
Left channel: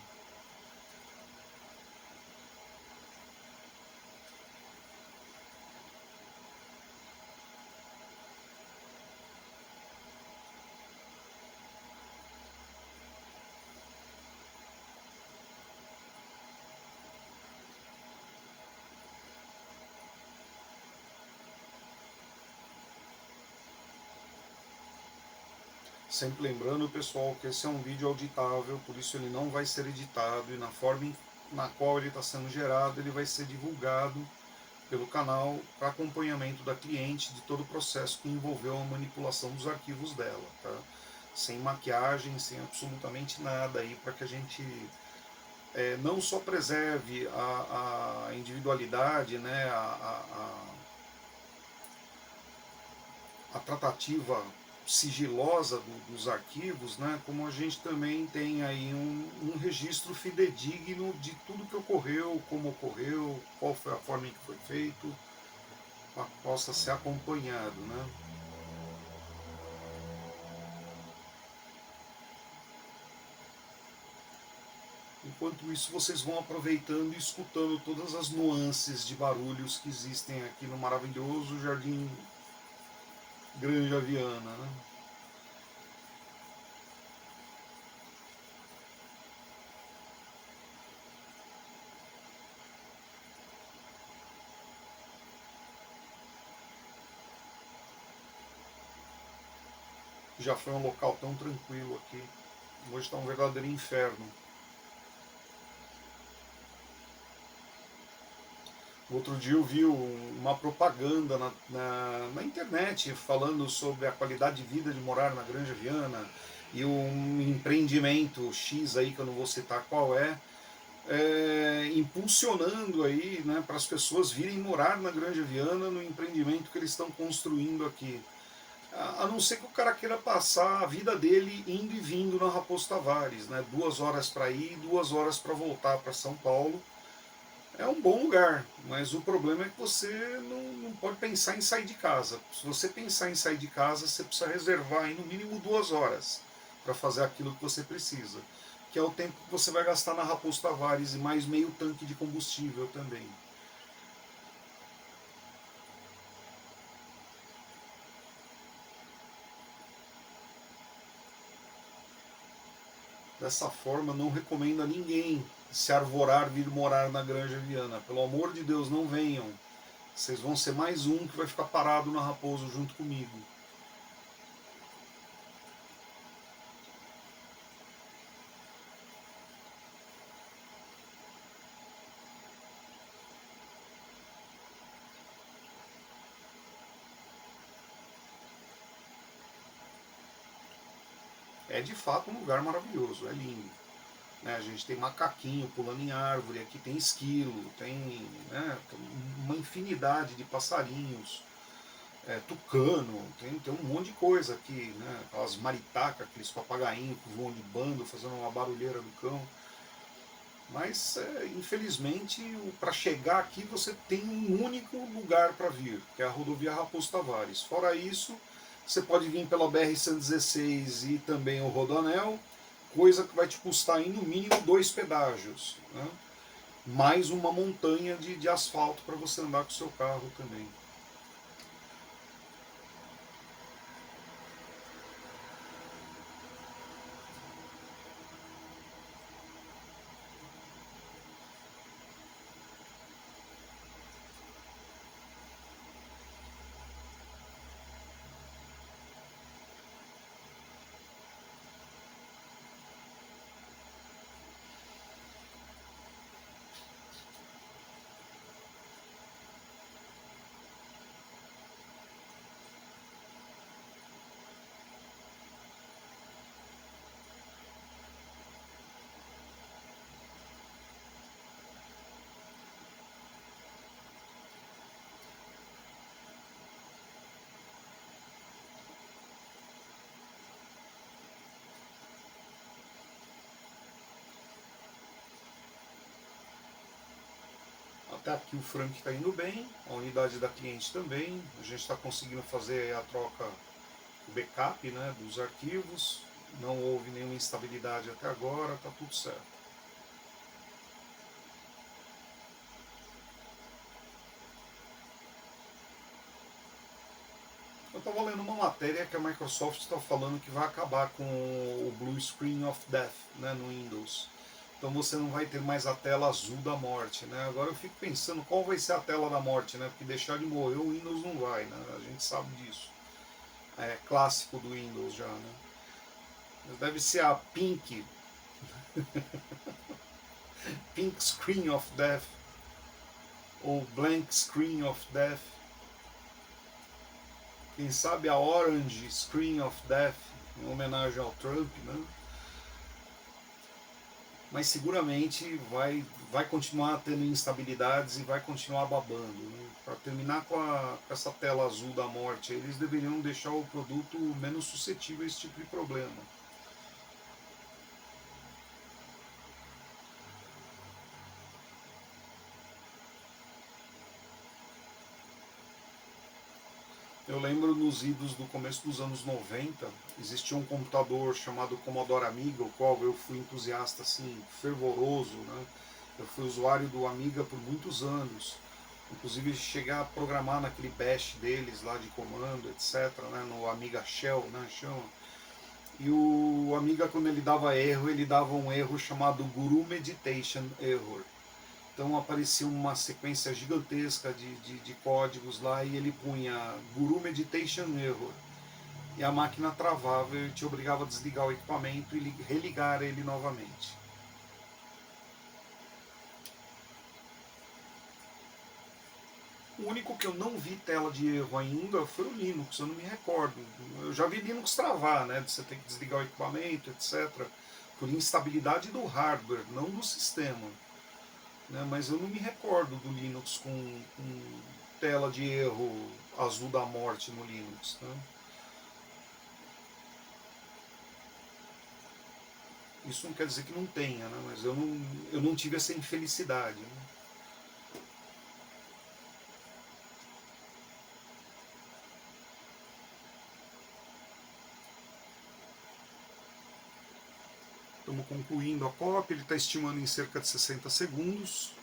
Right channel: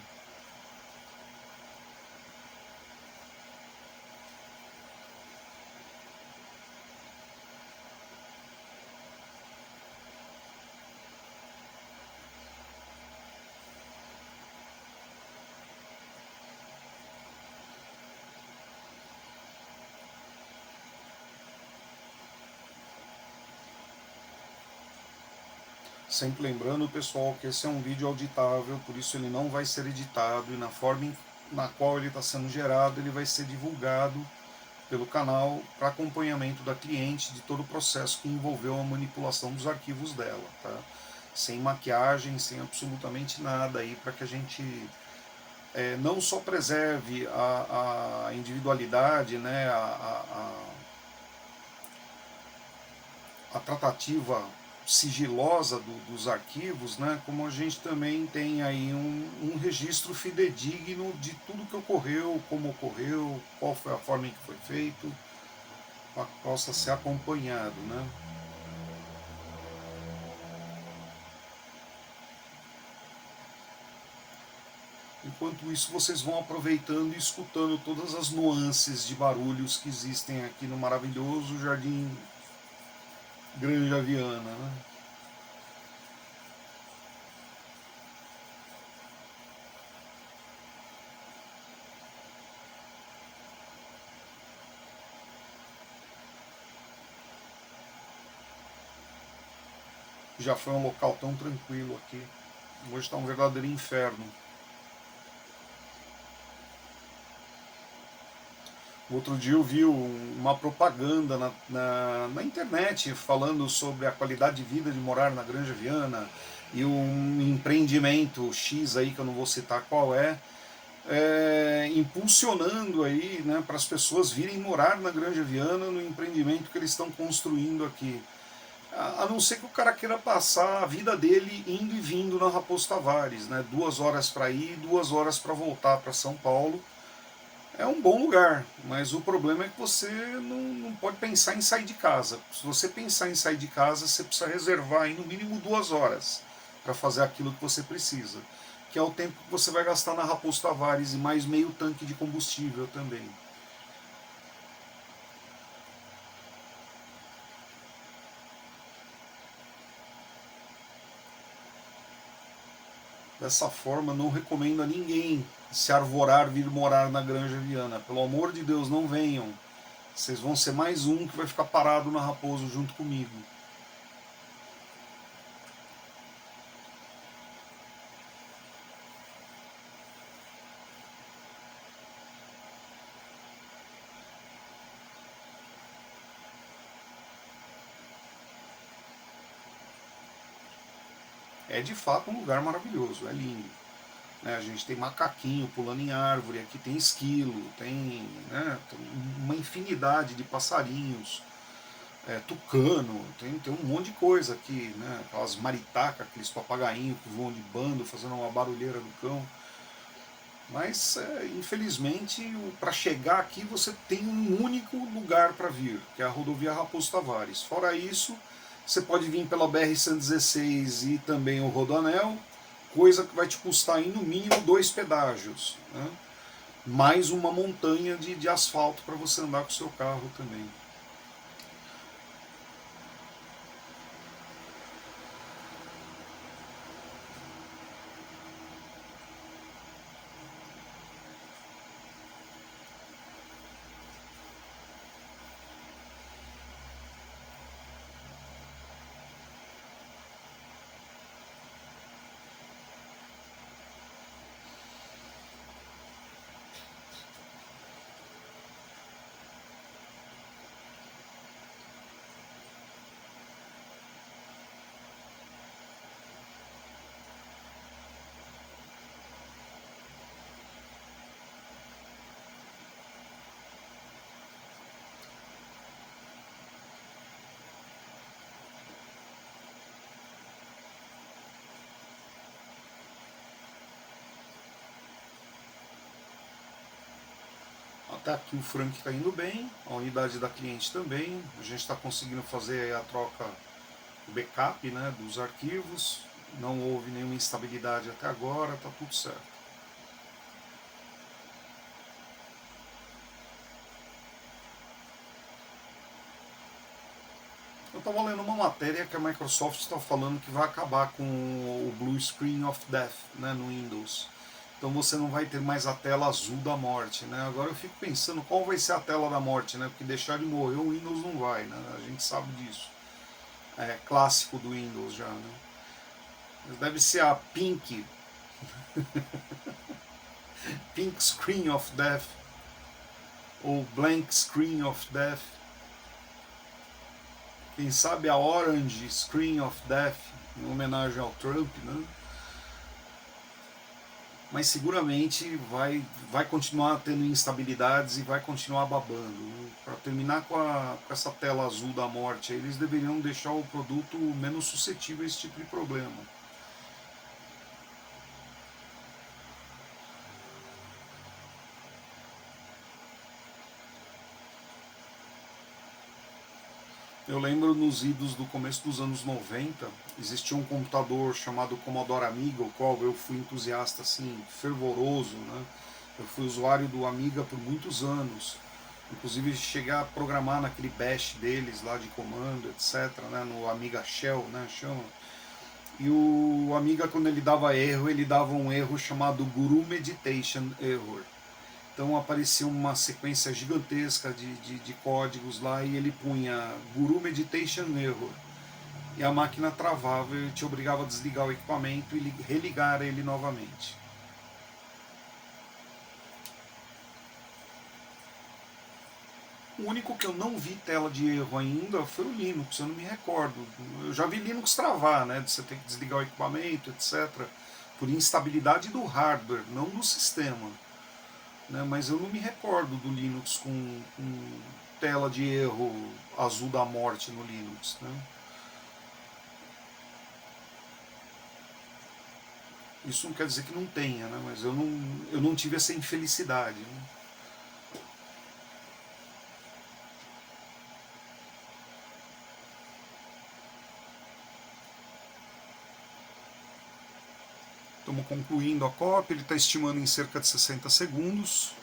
Sempre lembrando, pessoal, que esse é um vídeo auditável, por isso ele não vai ser editado e na forma na qual ele está sendo gerado, ele vai ser divulgado pelo canal para acompanhamento da cliente de todo o processo que envolveu a manipulação dos arquivos dela, tá? Sem maquiagem, sem absolutamente nada aí, para que a gente não só preserve a individualidade, né, a tratativa sigilosa dos arquivos, né, como a gente também tem aí um registro fidedigno de tudo que ocorreu, como ocorreu, qual foi a forma em que foi feito, para que possa ser acompanhado, né? Enquanto isso, vocês vão aproveitando e escutando todas as nuances de barulhos que existem aqui no maravilhoso Jardim Granja Viana, né? Já foi um local tão tranquilo aqui. Hoje está um verdadeiro inferno. Outro dia eu vi uma propaganda na internet falando sobre a qualidade de vida de morar na Granja Viana e um empreendimento X aí, que eu não vou citar qual impulsionando aí, né, para as pessoas virem morar na Granja Viana no empreendimento que eles estão construindo aqui. A não ser que o cara queira passar a vida dele indo e vindo na Raposo Tavares, né, 2 horas para ir, 2 horas para voltar para São Paulo. É um bom lugar, mas o problema é que você não pode pensar em sair de casa. Se você pensar em sair de casa, você precisa reservar aí no mínimo 2 horas para fazer aquilo que você precisa, que é o tempo que você vai gastar na Raposo Tavares e mais meio tanque de combustível também. Dessa forma, não recomendo a ninguém se arvorar vir morar na Granja Viana. Pelo amor de Deus, não venham. Vocês vão ser mais um que vai ficar parado na Raposo junto comigo. É de fato um lugar maravilhoso, é lindo. Né, a gente tem macaquinho pulando em árvore, aqui tem esquilo, tem uma infinidade de passarinhos, tucano, tem um monte de coisa aqui, né, aquelas maritacas, aqueles papagainhos que voam de bando, fazendo uma barulheira do cão. Mas, infelizmente, para chegar aqui você tem um único lugar para vir, que é a rodovia Raposo Tavares. Fora isso, você pode vir pela BR-116 e também o Rodoanel, coisa que vai te custar aí no mínimo 2 pedágios, né? Mais uma montanha de asfalto para você andar com o seu carro também. Até aqui o Frank está indo bem, a unidade da cliente também. A gente está conseguindo fazer a troca, o backup, né, dos arquivos. Não houve nenhuma instabilidade até agora, está tudo certo. Eu estava lendo uma matéria que a Microsoft está falando que vai acabar com o Blue Screen of Death, né, no Windows. Então você não vai ter mais a tela azul da morte, né? Agora eu fico pensando qual vai ser a tela da morte, né? Porque deixar de morrer o Windows não vai, né? A gente sabe disso. É clássico do Windows já, né? Deve ser a Pink Screen of Death ou Blank Screen of Death. Quem sabe a Orange Screen of Death, em homenagem ao Trump, né? Mas seguramente vai continuar tendo instabilidades e vai continuar babando. Né? Para terminar com essa tela azul da morte, eles deveriam deixar o produto menos suscetível a esse tipo de problema. Eu lembro nos idos do começo dos anos 90, existia um computador chamado Commodore Amiga, o qual eu fui entusiasta assim, fervoroso, né? Eu fui usuário do Amiga por muitos anos. Inclusive chegar a programar naquele bash deles lá de comando, etc, né, no Amiga Shell, né, chama. E o Amiga, quando ele dava erro, ele dava um erro chamado Guru Meditation Error. Então aparecia uma sequência gigantesca de códigos lá e ele punha Guru Meditation Error. E a máquina travava e te obrigava a desligar o equipamento e religar ele novamente. O único que eu não vi tela de erro ainda foi o Linux, eu não me recordo. Eu já vi Linux travar, né, de você ter que desligar o equipamento, etc. Por instabilidade do hardware, não do sistema. Né, mas eu não me recordo do Linux com tela de erro azul da morte no Linux. Né. Isso não quer dizer que não tenha, né, mas eu não tive essa infelicidade. Né. Estamos concluindo a cópia, ele está estimando em cerca de 60 segundos.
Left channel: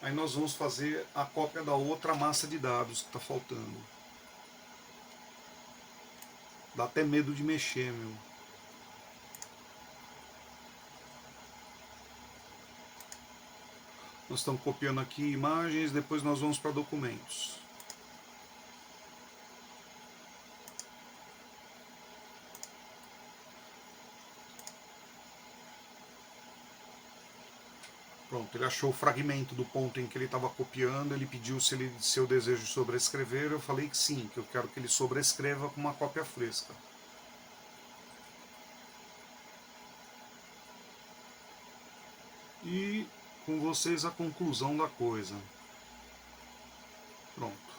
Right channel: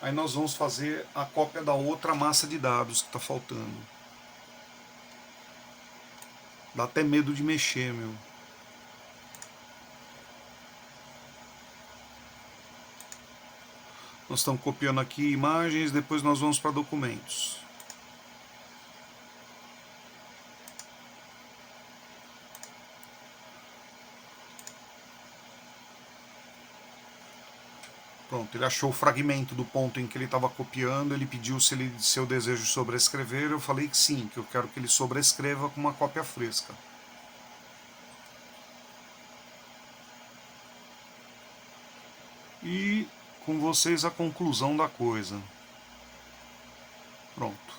Aí nós vamos fazer a cópia da outra massa de dados que está faltando. Dá até medo de mexer, meu. Nós estamos copiando aqui imagens, depois nós vamos para documentos. Pronto, ele achou o fragmento do ponto em que ele estava copiando, ele pediu se eu desejo sobrescrever, eu falei que sim, que eu quero que ele sobrescreva com uma cópia fresca. E com vocês a conclusão da coisa. Pronto.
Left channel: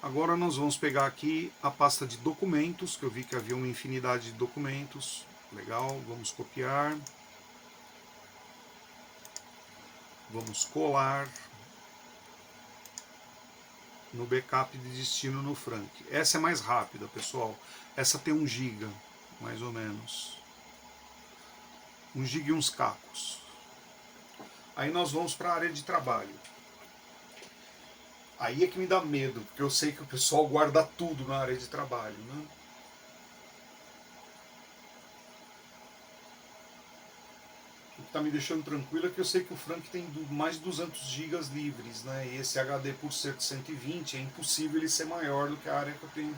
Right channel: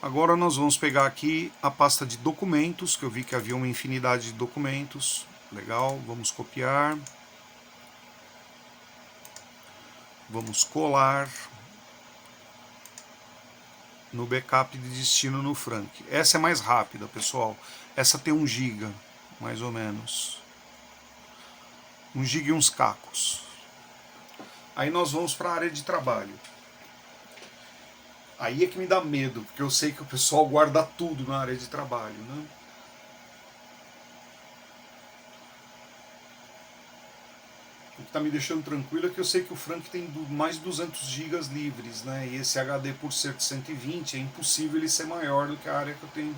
Agora nós vamos pegar aqui a pasta de documentos, que eu vi que havia uma infinidade de documentos. Legal, vamos copiar. Vamos colar no backup de destino no Frank. Essa é mais rápida, pessoal. Essa tem 1 GB, mais ou menos. 1 GB e uns cacos. Aí nós vamos para a área de trabalho. Aí é que me dá medo, porque eu sei que o pessoal guarda tudo na área de trabalho, né? O que está me deixando tranquilo é que eu sei que o Frank tem mais de 200 GB livres, né? E esse HD, por ser de 120, é impossível ele ser maior do que a área que eu tenho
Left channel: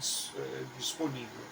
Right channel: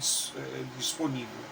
disponível.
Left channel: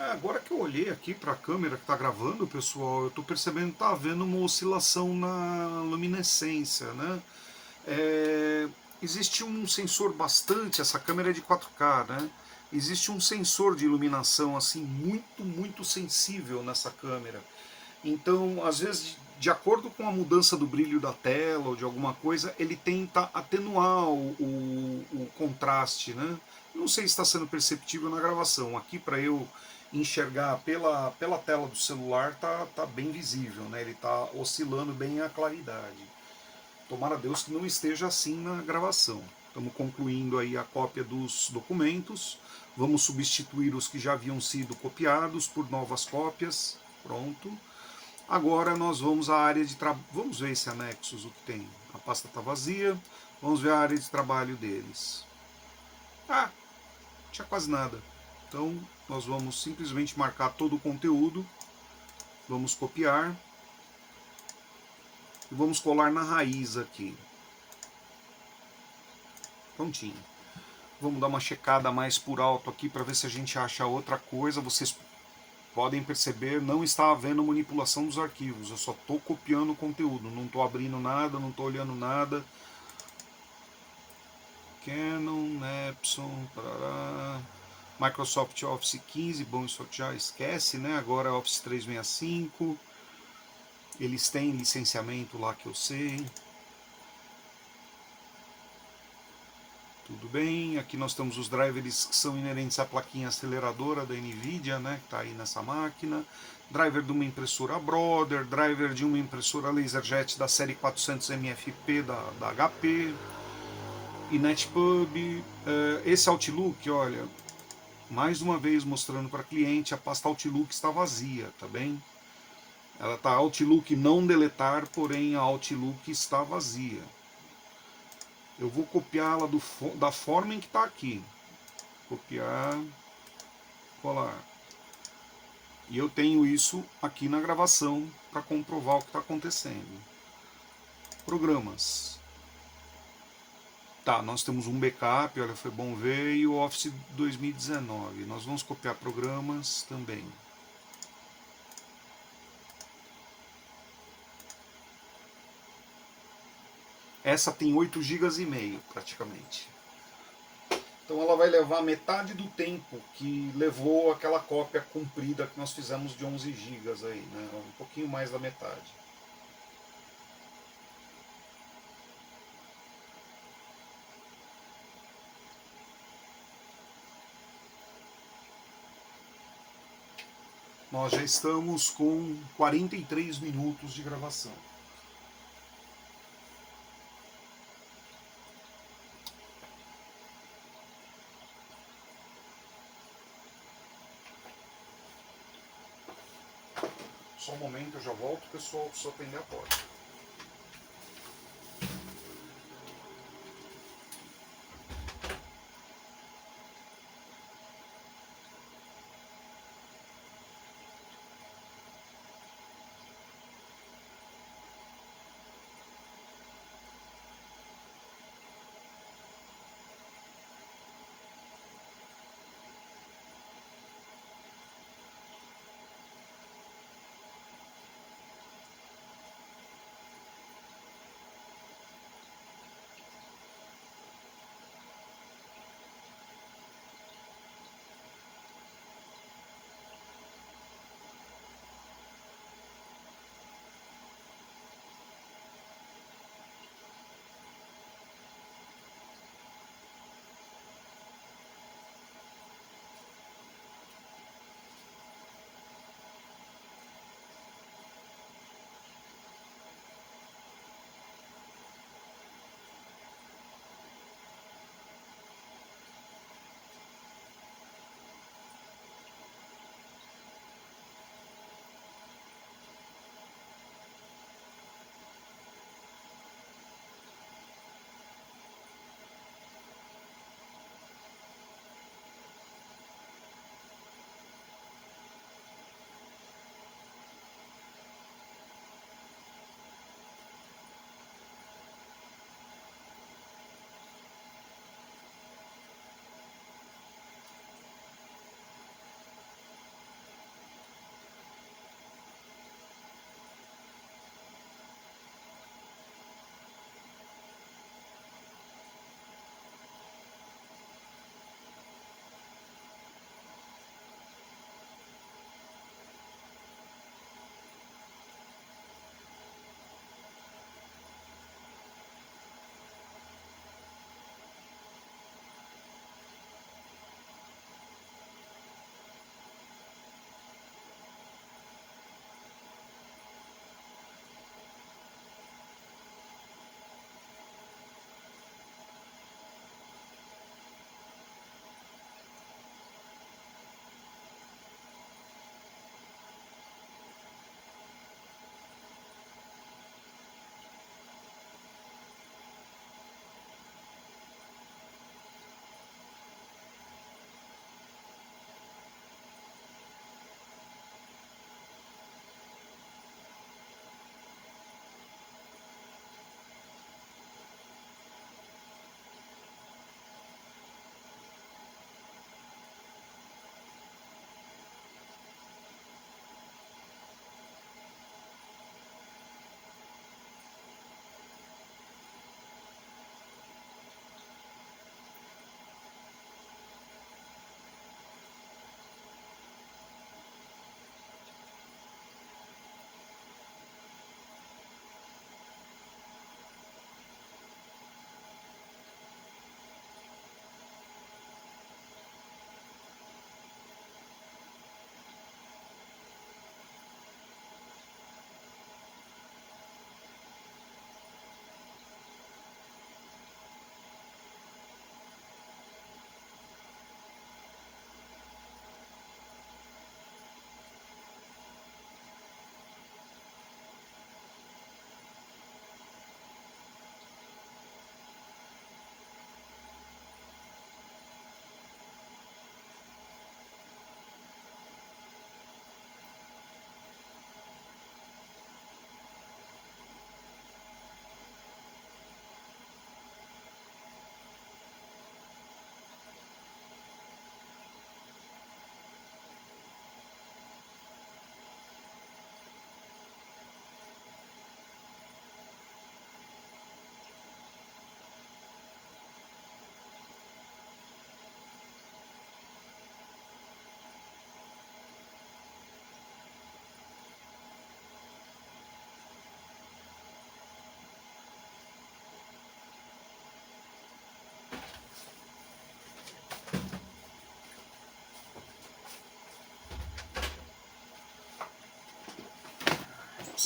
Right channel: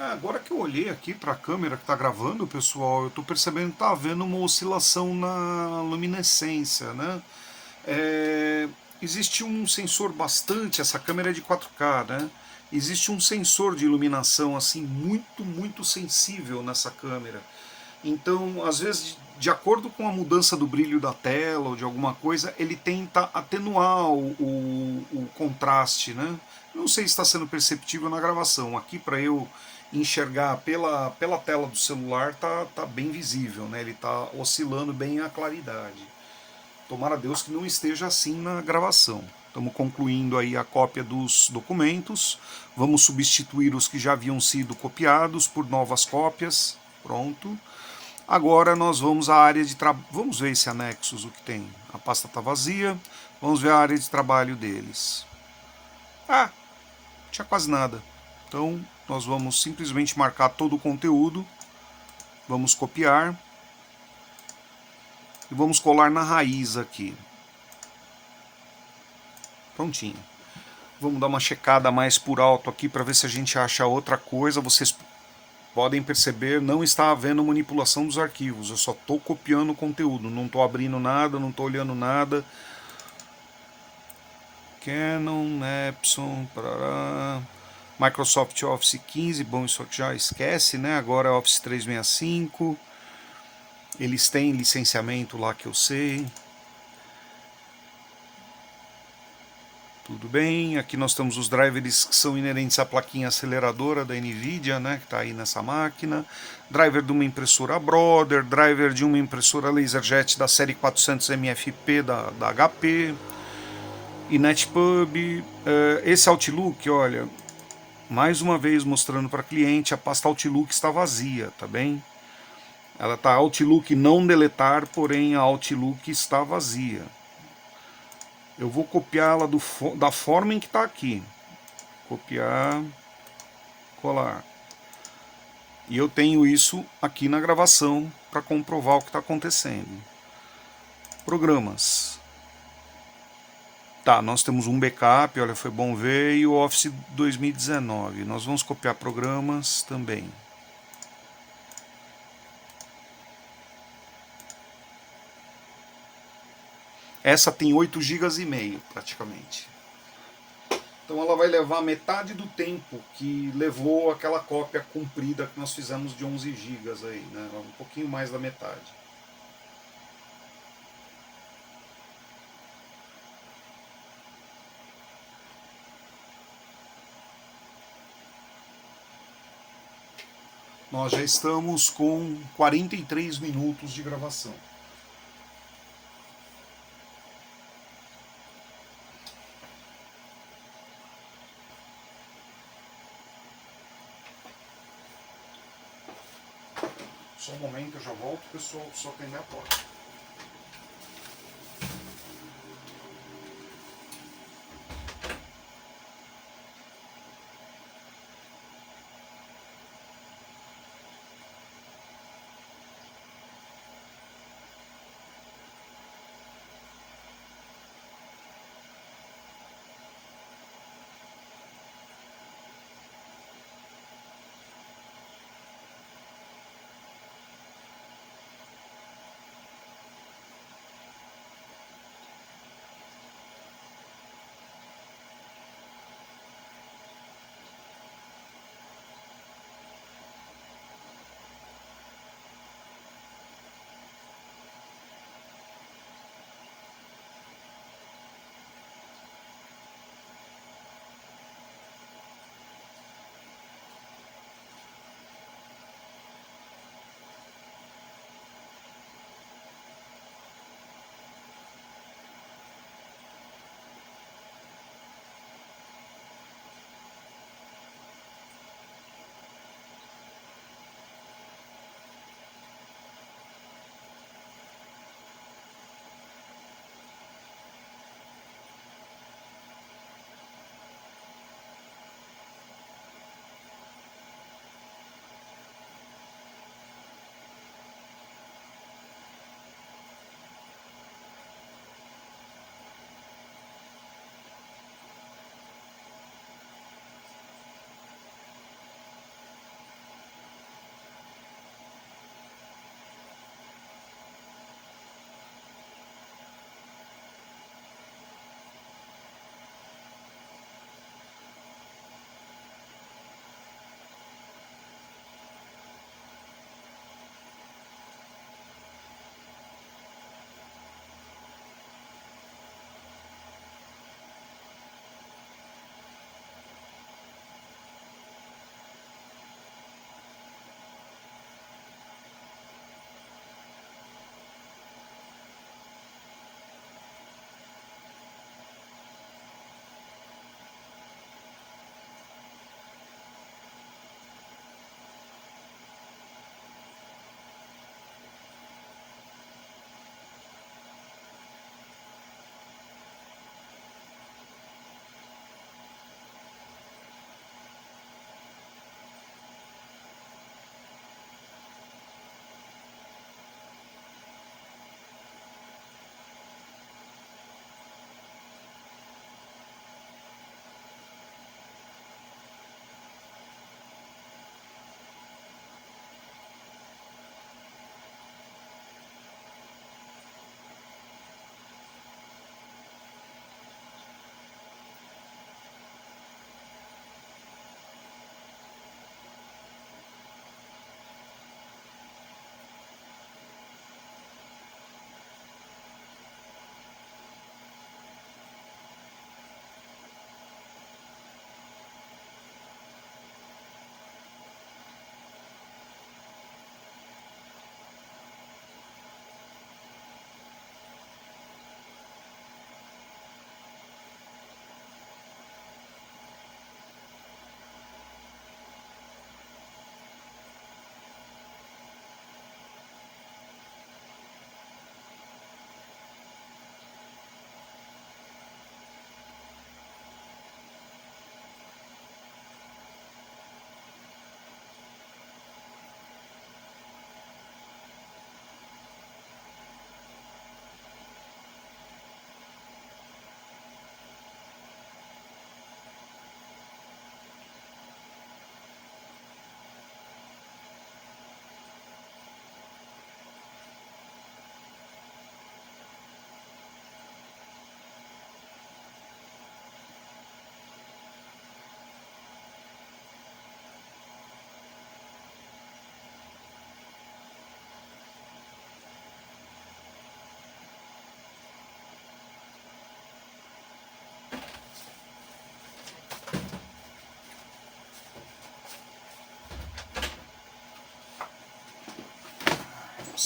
Agora que eu olhei aqui para a câmera que está gravando, pessoal, eu estou percebendo que está havendo uma oscilação na luminescência, né? É, existe um sensor bastante, essa câmera é de 4K, né? Existe um sensor de iluminação assim muito sensível nessa câmera. Então, às vezes, de acordo com a mudança do brilho da tela ou de alguma coisa, ele tenta atenuar o contraste, né? Não sei se está sendo perceptível na gravação. Aqui, para eu enxergar pela tela do celular, tá bem visível, né? Ele está oscilando bem a claridade. Tomara a Deus que não esteja assim na gravação. Estamos concluindo aí a cópia dos documentos. Vamos substituir os que já haviam sido copiados por novas cópias. Pronto. Agora nós vamos à área de trabalho. Vamos ver esse anexos, o que tem. A pasta está vazia. Vamos ver a área de trabalho deles. Ah, tinha quase nada. Então nós vamos simplesmente marcar todo o conteúdo. Vamos copiar. E vamos colar na raiz aqui. Prontinho. Vamos dar uma checada mais por alto aqui para ver se a gente acha outra coisa. Vocês podem perceber, não está havendo manipulação dos arquivos. Eu só estou copiando o conteúdo. Não estou abrindo nada, não estou olhando nada. Canon, Epson, parará. Microsoft Office 15, bom, isso aqui já esquece, né? Agora Office 365. Eles têm licenciamento lá que eu sei. Tudo bem, aqui nós temos os drivers que são inerentes à plaquinha aceleradora da NVIDIA, né, que está aí nessa máquina. Driver de uma impressora Brother, driver de uma impressora LaserJet da série 400 MFP da HP. E NetPub, esse Outlook, olha, mais uma vez mostrando para cliente, a pasta Outlook está vazia, tá bem? Ela está Outlook não deletar, porém a Outlook está vazia. Eu vou copiá-la da forma em que está aqui. Copiar, colar. E eu tenho isso aqui na gravação para comprovar o que está acontecendo. Programas. Tá, nós temos um backup, olha, foi bom ver, e o Office 2019. Nós vamos copiar programas também. Essa tem 8,5 GB praticamente. Então ela vai levar metade do tempo que levou aquela cópia comprida que nós fizemos de 11 GB aí, né? Um pouquinho mais da metade. Nós já estamos com 43 minutos de gravação. Só um momento, eu já volto, pessoal, só atender a porta.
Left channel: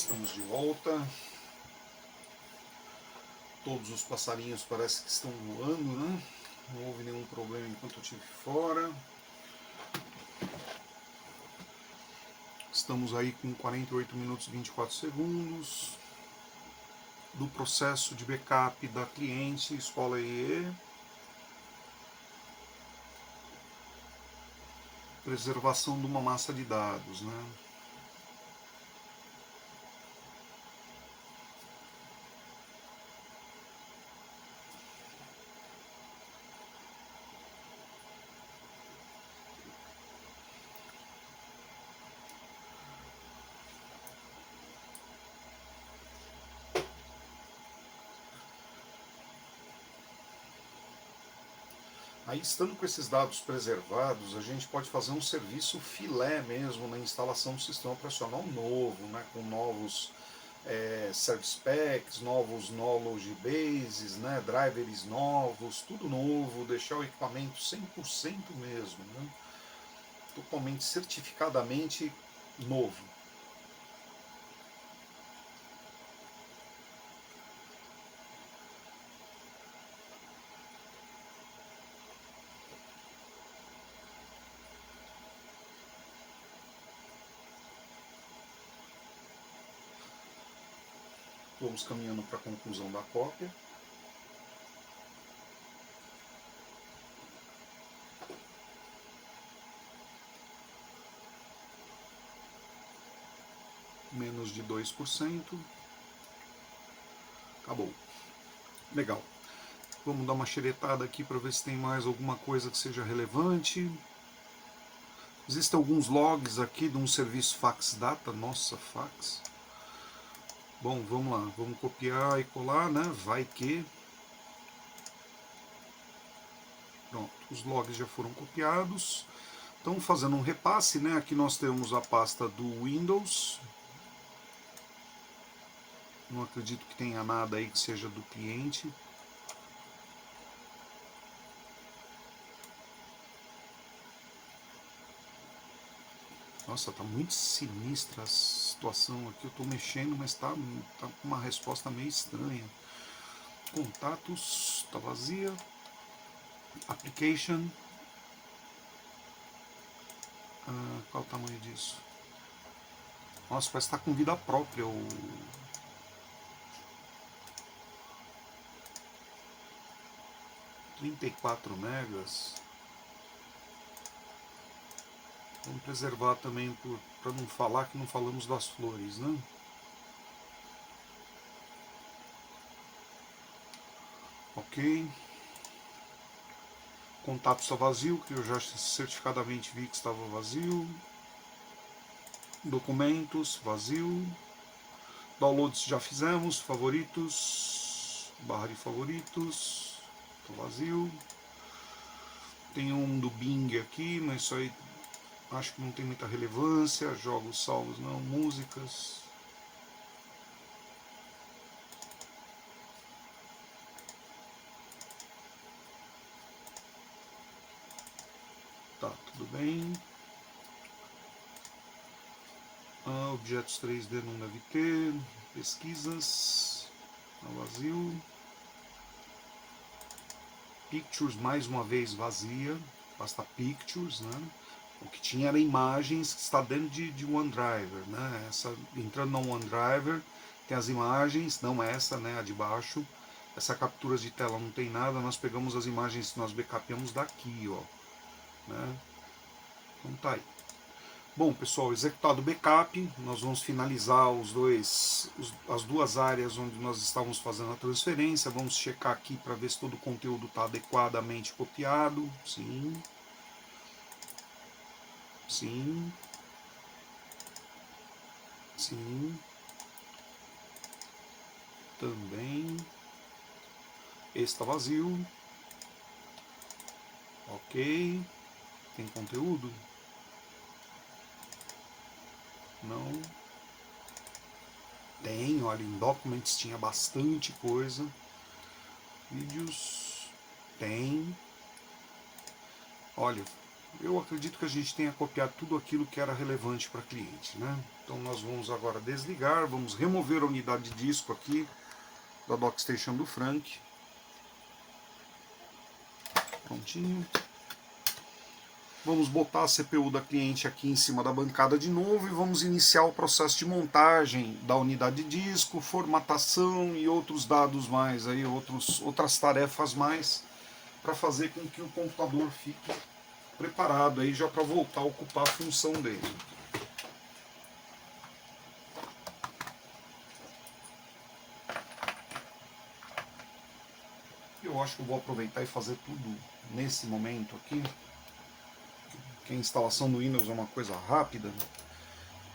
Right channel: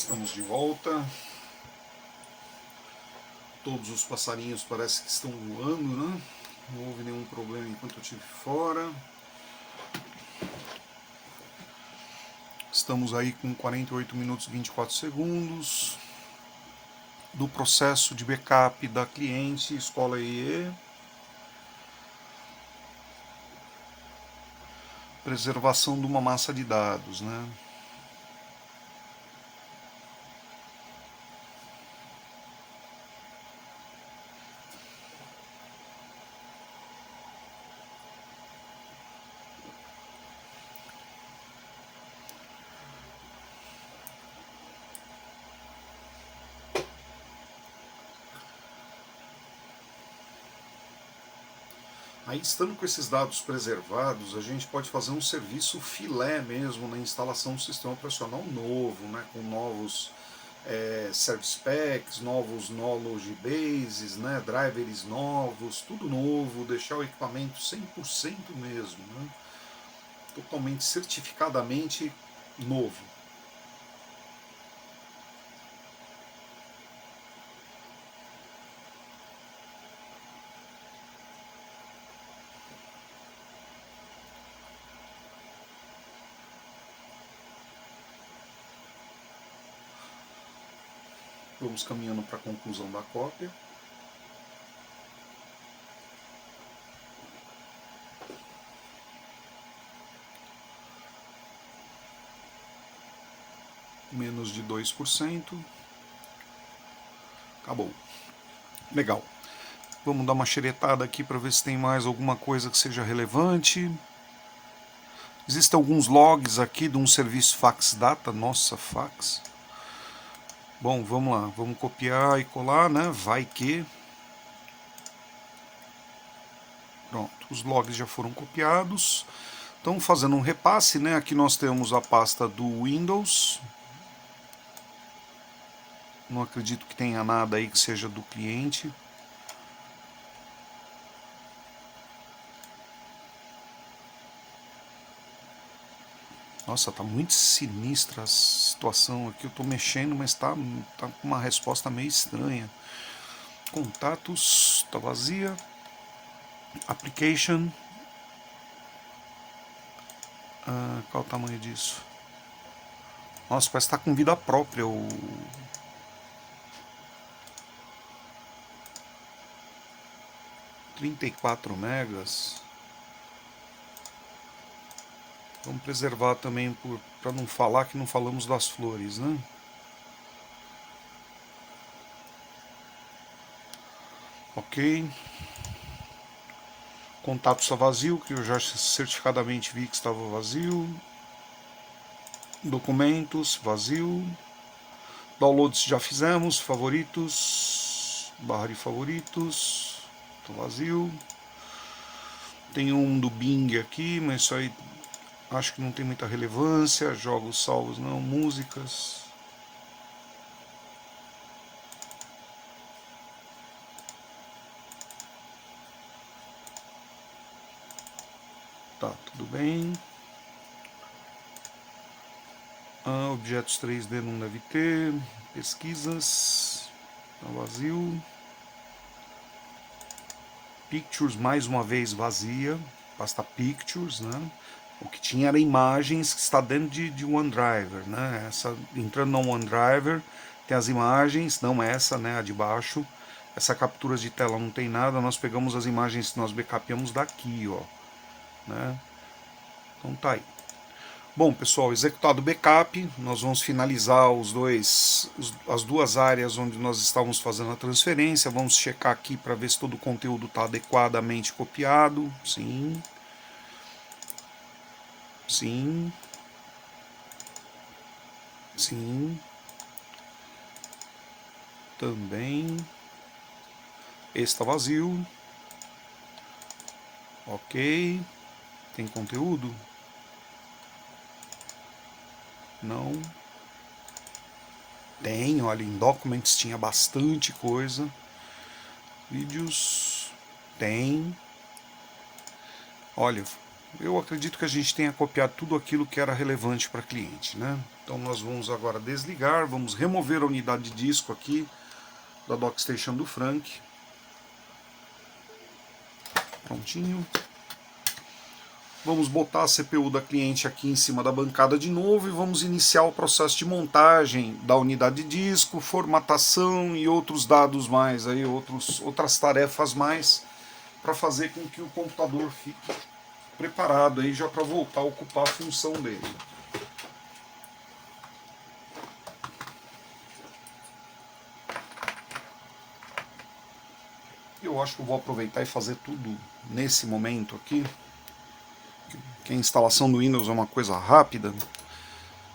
Estamos de volta. Todos os passarinhos parece que estão voando, né? Não houve nenhum problema enquanto eu estive fora. Estamos aí com 48 minutos e 24 segundos do processo de backup da cliente Escola EE. Preservação de uma massa de dados, né? Aí, estando com esses dados preservados, a gente pode fazer um serviço filé mesmo na instalação do sistema operacional novo, né, com novos service packs, novos knowledge bases, né, drivers novos, tudo novo, deixar o equipamento 100% mesmo, né, totalmente certificadamente novo. Vamos caminhando para a conclusão da cópia. Menos de 2%. Acabou. Legal. Vamos dar uma xeretada aqui para ver se tem mais alguma coisa que seja relevante. Existem alguns logs aqui de um serviço fax data. Nossa, fax. Bom, vamos lá. Vamos copiar e colar, né? Vai que. Pronto, os logs já foram copiados. Então, fazendo um repasse, né? Aqui nós temos a pasta do Windows. Não acredito que tenha nada aí que seja do cliente. Nossa, tá muito sinistra a situação aqui. Eu tô mexendo, mas tá com uma resposta meio estranha. Contatos, tá vazia. Application. Qual o tamanho disso? Nossa, parece que tá com vida própria o 34 megas. Vamos preservar também para não falar que não falamos das flores, né? Ok. Contato está vazio, que eu já certificadamente vi que estava vazio. Documentos, vazio. Downloads já fizemos. Favoritos. Barra de favoritos. Tá vazio. Tem um do Bing aqui, mas isso aí acho que não tem muita relevância. Jogos salvos não. Músicas. Tá, tudo bem. Objetos 3D não deve ter. Pesquisas. Tá vazio. Pictures mais uma vez vazia. Pasta Pictures, né? O que tinha era imagens que está dentro de OneDrive, né? Entrando no OneDrive tem as imagens, não essa, né? A de baixo. Essa captura de tela não tem nada. Nós pegamos as imagens que nós backupamos daqui, ó, né? Então tá aí. Bom, pessoal, executado o backup, nós vamos finalizar as duas áreas onde nós estávamos fazendo a transferência. Vamos checar aqui para ver se todo o conteúdo está adequadamente copiado. Sim. Sim. Sim. Também. Esse está vazio. Ok. Tem conteúdo? Não. Tem, olha, em Documents tinha bastante coisa. Vídeos. Tem. Olha, eu acredito que a gente tenha copiado tudo aquilo que era relevante para cliente, né? Então nós vamos agora desligar, vamos remover a unidade de disco aqui da DockStation do Frank. Prontinho. Vamos botar a CPU da cliente aqui em cima da bancada de novo e vamos iniciar o processo de montagem da unidade de disco, formatação e outros dados mais, aí, outras tarefas mais, para fazer com que o computador fique preparado aí já para voltar a ocupar a função dele. Eu acho que eu vou aproveitar e fazer tudo nesse momento aqui, que a instalação do Windows é uma coisa rápida.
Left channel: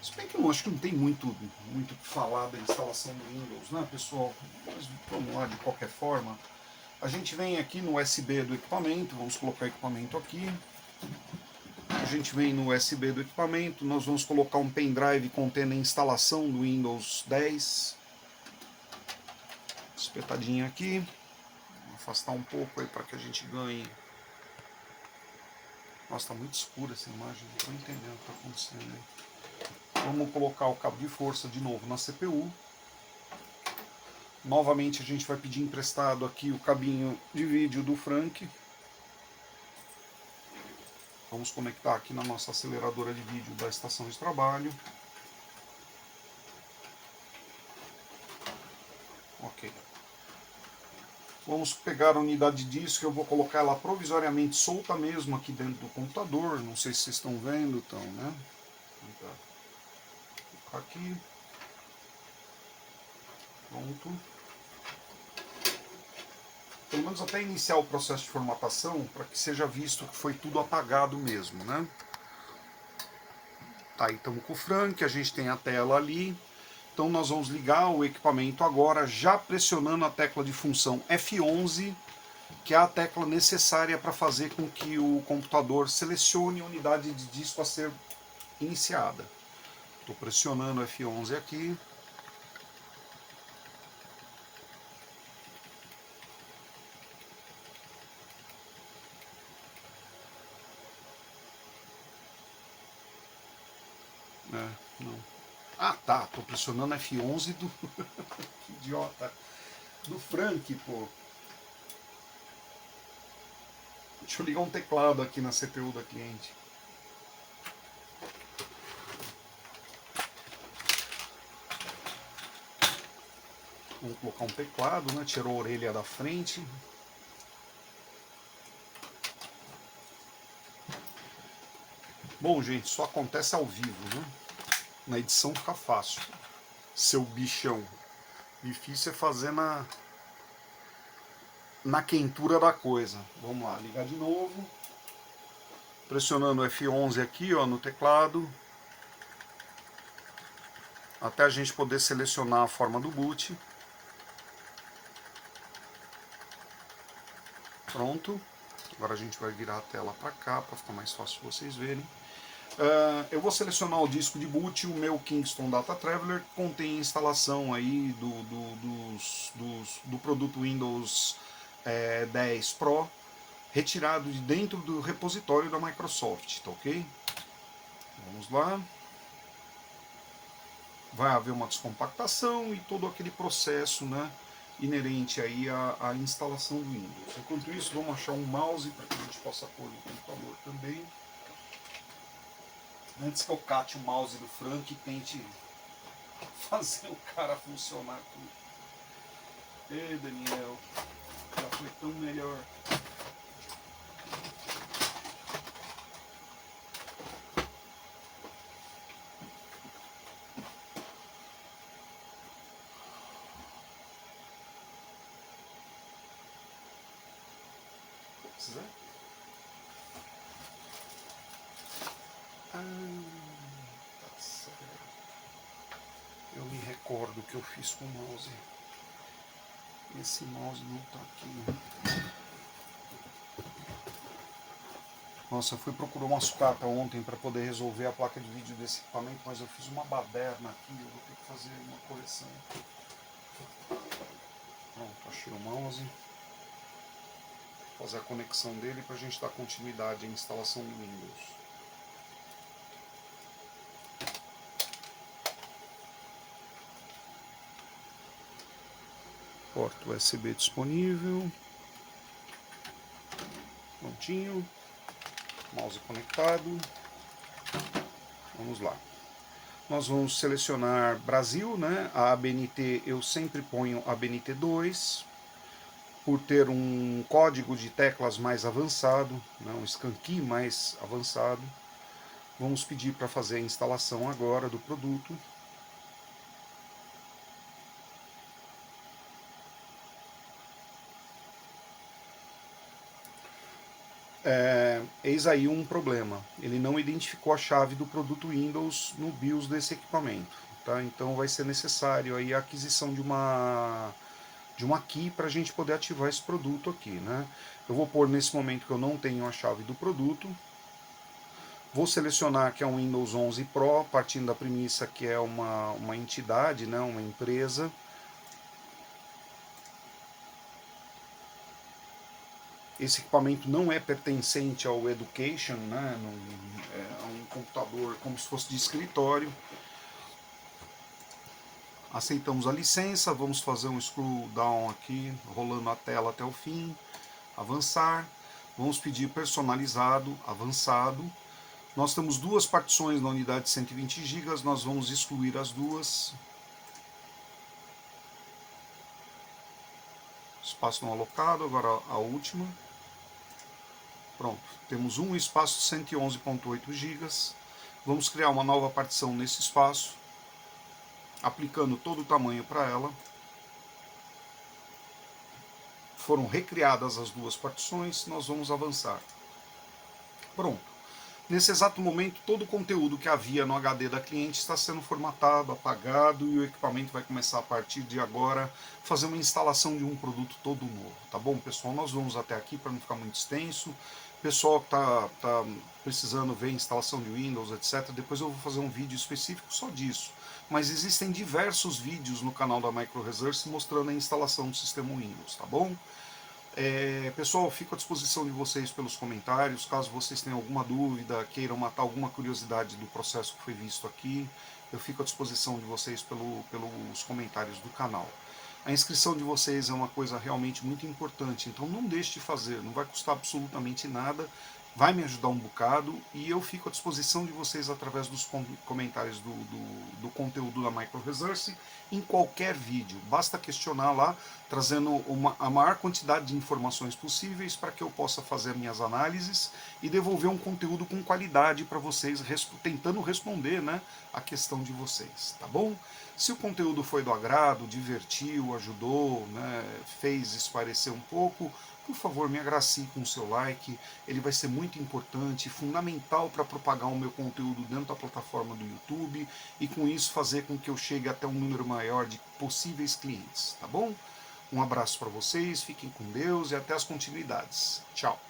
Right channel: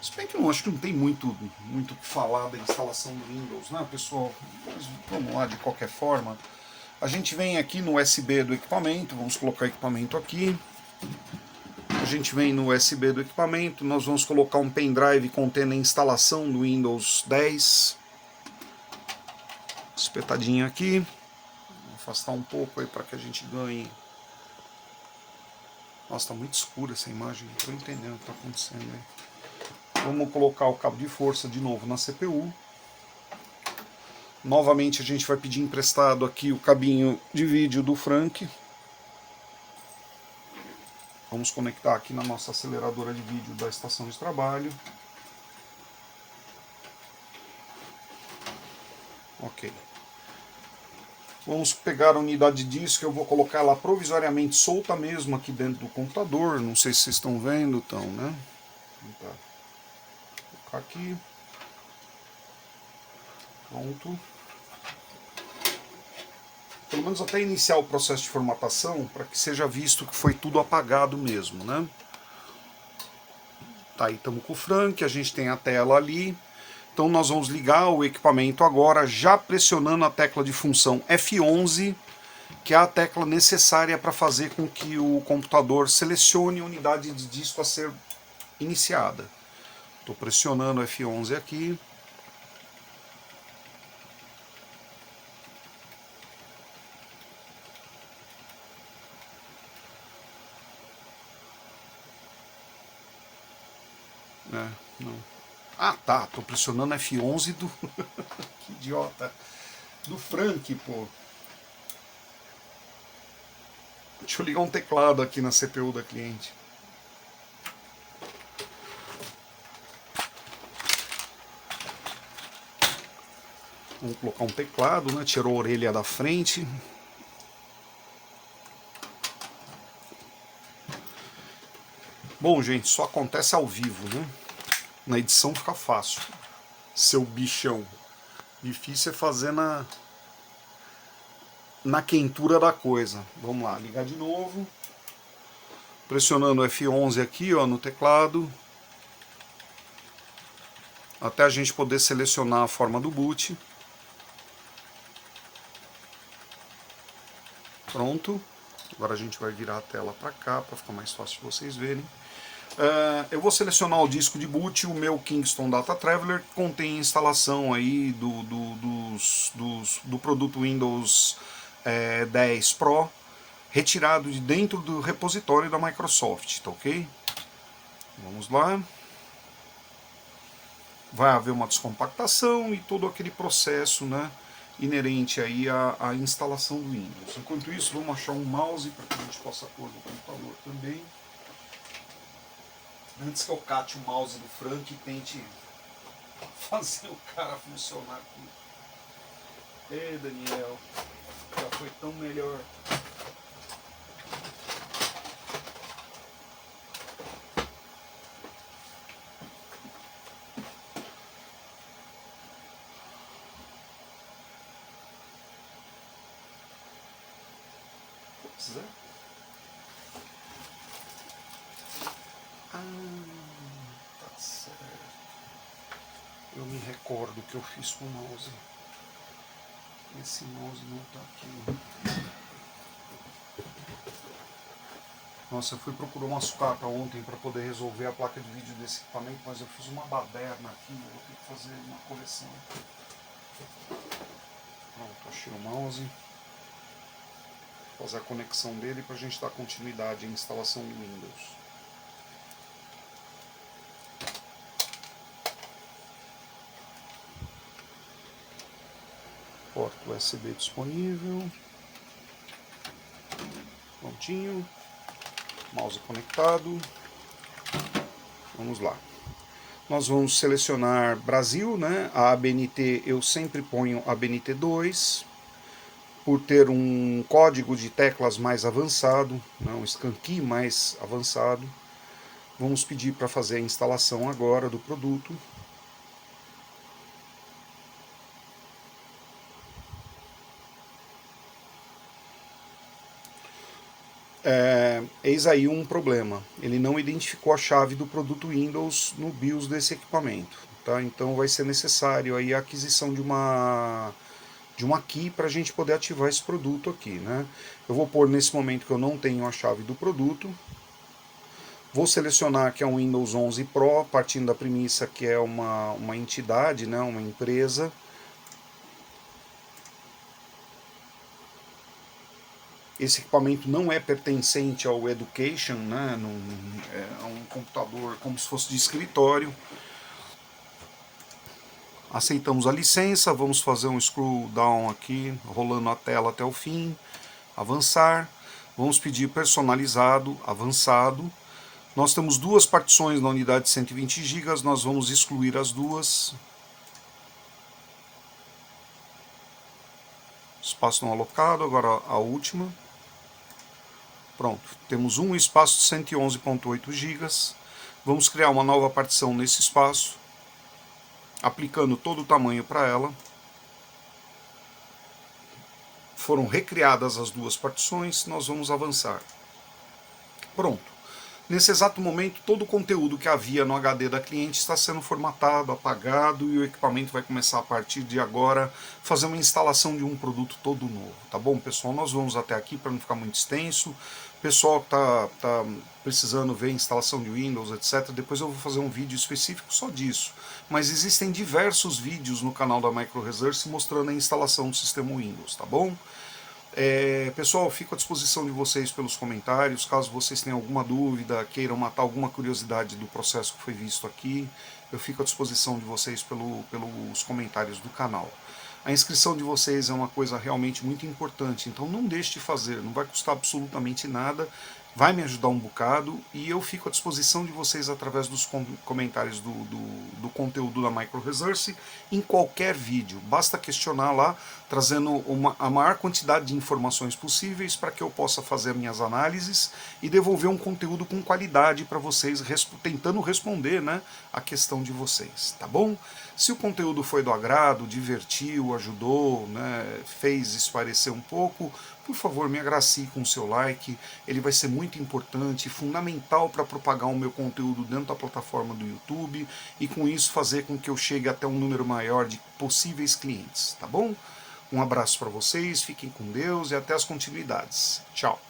Se bem que eu acho que não tem muito o que falar da instalação do Windows, né, pessoal? Mas vamos lá, de qualquer forma. A gente vem aqui no USB do equipamento, vamos colocar o equipamento aqui. A gente vem no USB do equipamento, nós vamos colocar um pendrive contendo a instalação do Windows 10. Espetadinho aqui. Vou afastar um pouco aí para que a gente ganhe. Nossa, está muito escura essa imagem, não estou entendendo o que está acontecendo aí. Vamos colocar o cabo de força de novo na CPU. Novamente a gente vai pedir emprestado aqui o cabinho de vídeo do Frank. Vamos conectar aqui na nossa aceleradora de vídeo da estação de trabalho. Ok. Vamos pegar a unidade de disco, eu vou colocar ela provisoriamente solta mesmo aqui dentro do computador. Não sei se vocês estão vendo, então, né? Vou colocar aqui. Pronto. Pelo menos até iniciar o processo de formatação, para que seja visto que foi tudo apagado mesmo, né? Tá, aí estamos com o Frank, a gente tem a tela ali. Então nós vamos ligar o equipamento agora, já pressionando a tecla de função F11, que é a tecla necessária para fazer com que o computador selecione a unidade de disco a ser iniciada. Estou pressionando F11 aqui. Não. Ah, tá. Tô pressionando F11 do. Que idiota. Do Frank, pô. Deixa eu ligar um teclado aqui na CPU da cliente. Vamos colocar um teclado, né? Tirou a orelha da frente. Bom, gente, só acontece ao vivo, né? Na edição fica fácil. Seu bichão. Difícil é fazer na quentura da coisa. Vamos lá, ligar de novo. Pressionando F11 aqui, ó, no teclado. Até a gente poder selecionar a forma do boot. Pronto. Agora a gente vai virar a tela para cá, para ficar mais fácil de vocês verem. Eu vou selecionar o disco de boot, o meu Kingston Data Traveler, que contém instalação aí do produto Windows 10 Pro, retirado de dentro do repositório da Microsoft, tá ok? Vamos lá. Vai haver uma descompactação e todo aquele processo, né, inerente aí à instalação do Windows. Enquanto isso, vamos achar um mouse para que a gente possa pôr no computador também. Antes que eu cate o mouse do Frank e tente fazer o cara funcionar aqui. Ê, Daniel, já foi tão melhor. Pois é. Tá certo. Eu me recordo que eu fiz com o mouse. Esse mouse não tá aqui. Nossa, eu fui procurar uma sucata ontem para poder resolver a placa de vídeo desse equipamento, mas eu fiz uma baderna aqui, eu vou ter que fazer uma correção. Pronto, achei o mouse. fazer a conexão dele para a gente dar continuidade à instalação do Windows. Porta USB disponível. Prontinho. Mouse conectado. Vamos lá. Nós vamos selecionar Brasil, né? A ABNT eu sempre ponho ABNT 2, por ter um código de teclas mais avançado, né? Um scan key mais avançado. Vamos pedir para fazer a instalação agora do produto. Eis aí um problema. Ele não identificou a chave do produto Windows no BIOS desse equipamento. Tá? Então vai ser necessário aí a aquisição de uma key para a gente poder ativar esse produto aqui. Né? Eu vou pôr nesse momento que eu não tenho a chave do produto. Vou selecionar que é um Windows 11 Pro, partindo da premissa que é uma entidade, né? Uma empresa. Esse equipamento não é pertencente ao Education, né? É um computador como se fosse de escritório. Aceitamos a licença, vamos fazer um scroll down aqui, rolando a tela até o fim. Avançar. Vamos pedir personalizado, avançado. Nós temos duas partições na unidade de 120 GB, nós vamos excluir as duas. Espaço não alocado, agora a última. Pronto, temos um espaço de 111.8 GB. Vamos criar uma nova partição nesse espaço, aplicando todo o tamanho para ela. Foram recriadas as duas partições, nós vamos avançar. Pronto. Nesse exato momento, todo o conteúdo que havia no HD da cliente está sendo formatado, apagado, e o equipamento vai começar a partir de agora fazer uma instalação de um produto todo novo. Tá bom, pessoal? Nós vamos até aqui para não ficar muito extenso. Pessoal que está precisando ver a instalação de Windows, etc., depois eu vou fazer um vídeo específico só disso. Mas existem diversos vídeos no canal da Micro Research mostrando a instalação do sistema Windows, tá bom? Pessoal, fico à disposição de vocês pelos comentários, caso vocês tenham alguma dúvida, queiram matar alguma curiosidade do processo que foi visto aqui, eu fico à disposição de vocês pelos comentários do canal. A inscrição de vocês é uma coisa realmente muito importante, então não deixe de fazer, não vai custar absolutamente nada, vai me ajudar um bocado e eu fico à disposição de vocês através dos comentários do conteúdo da Micro Research em qualquer vídeo. Basta questionar lá, trazendo a maior quantidade de informações possíveis para que eu possa fazer minhas análises e devolver um conteúdo com qualidade para vocês, tentando responder, né, a questão de vocês, tá bom? Se o conteúdo foi do agrado, divertiu, ajudou, né, fez esclarecer um pouco, por favor, me agracie com o seu like, ele vai ser muito importante, fundamental para propagar o meu conteúdo dentro da plataforma do YouTube e com isso fazer com que eu chegue até um número maior de possíveis clientes, tá bom? Um abraço para vocês, fiquem com Deus e até as continuidades. Tchau!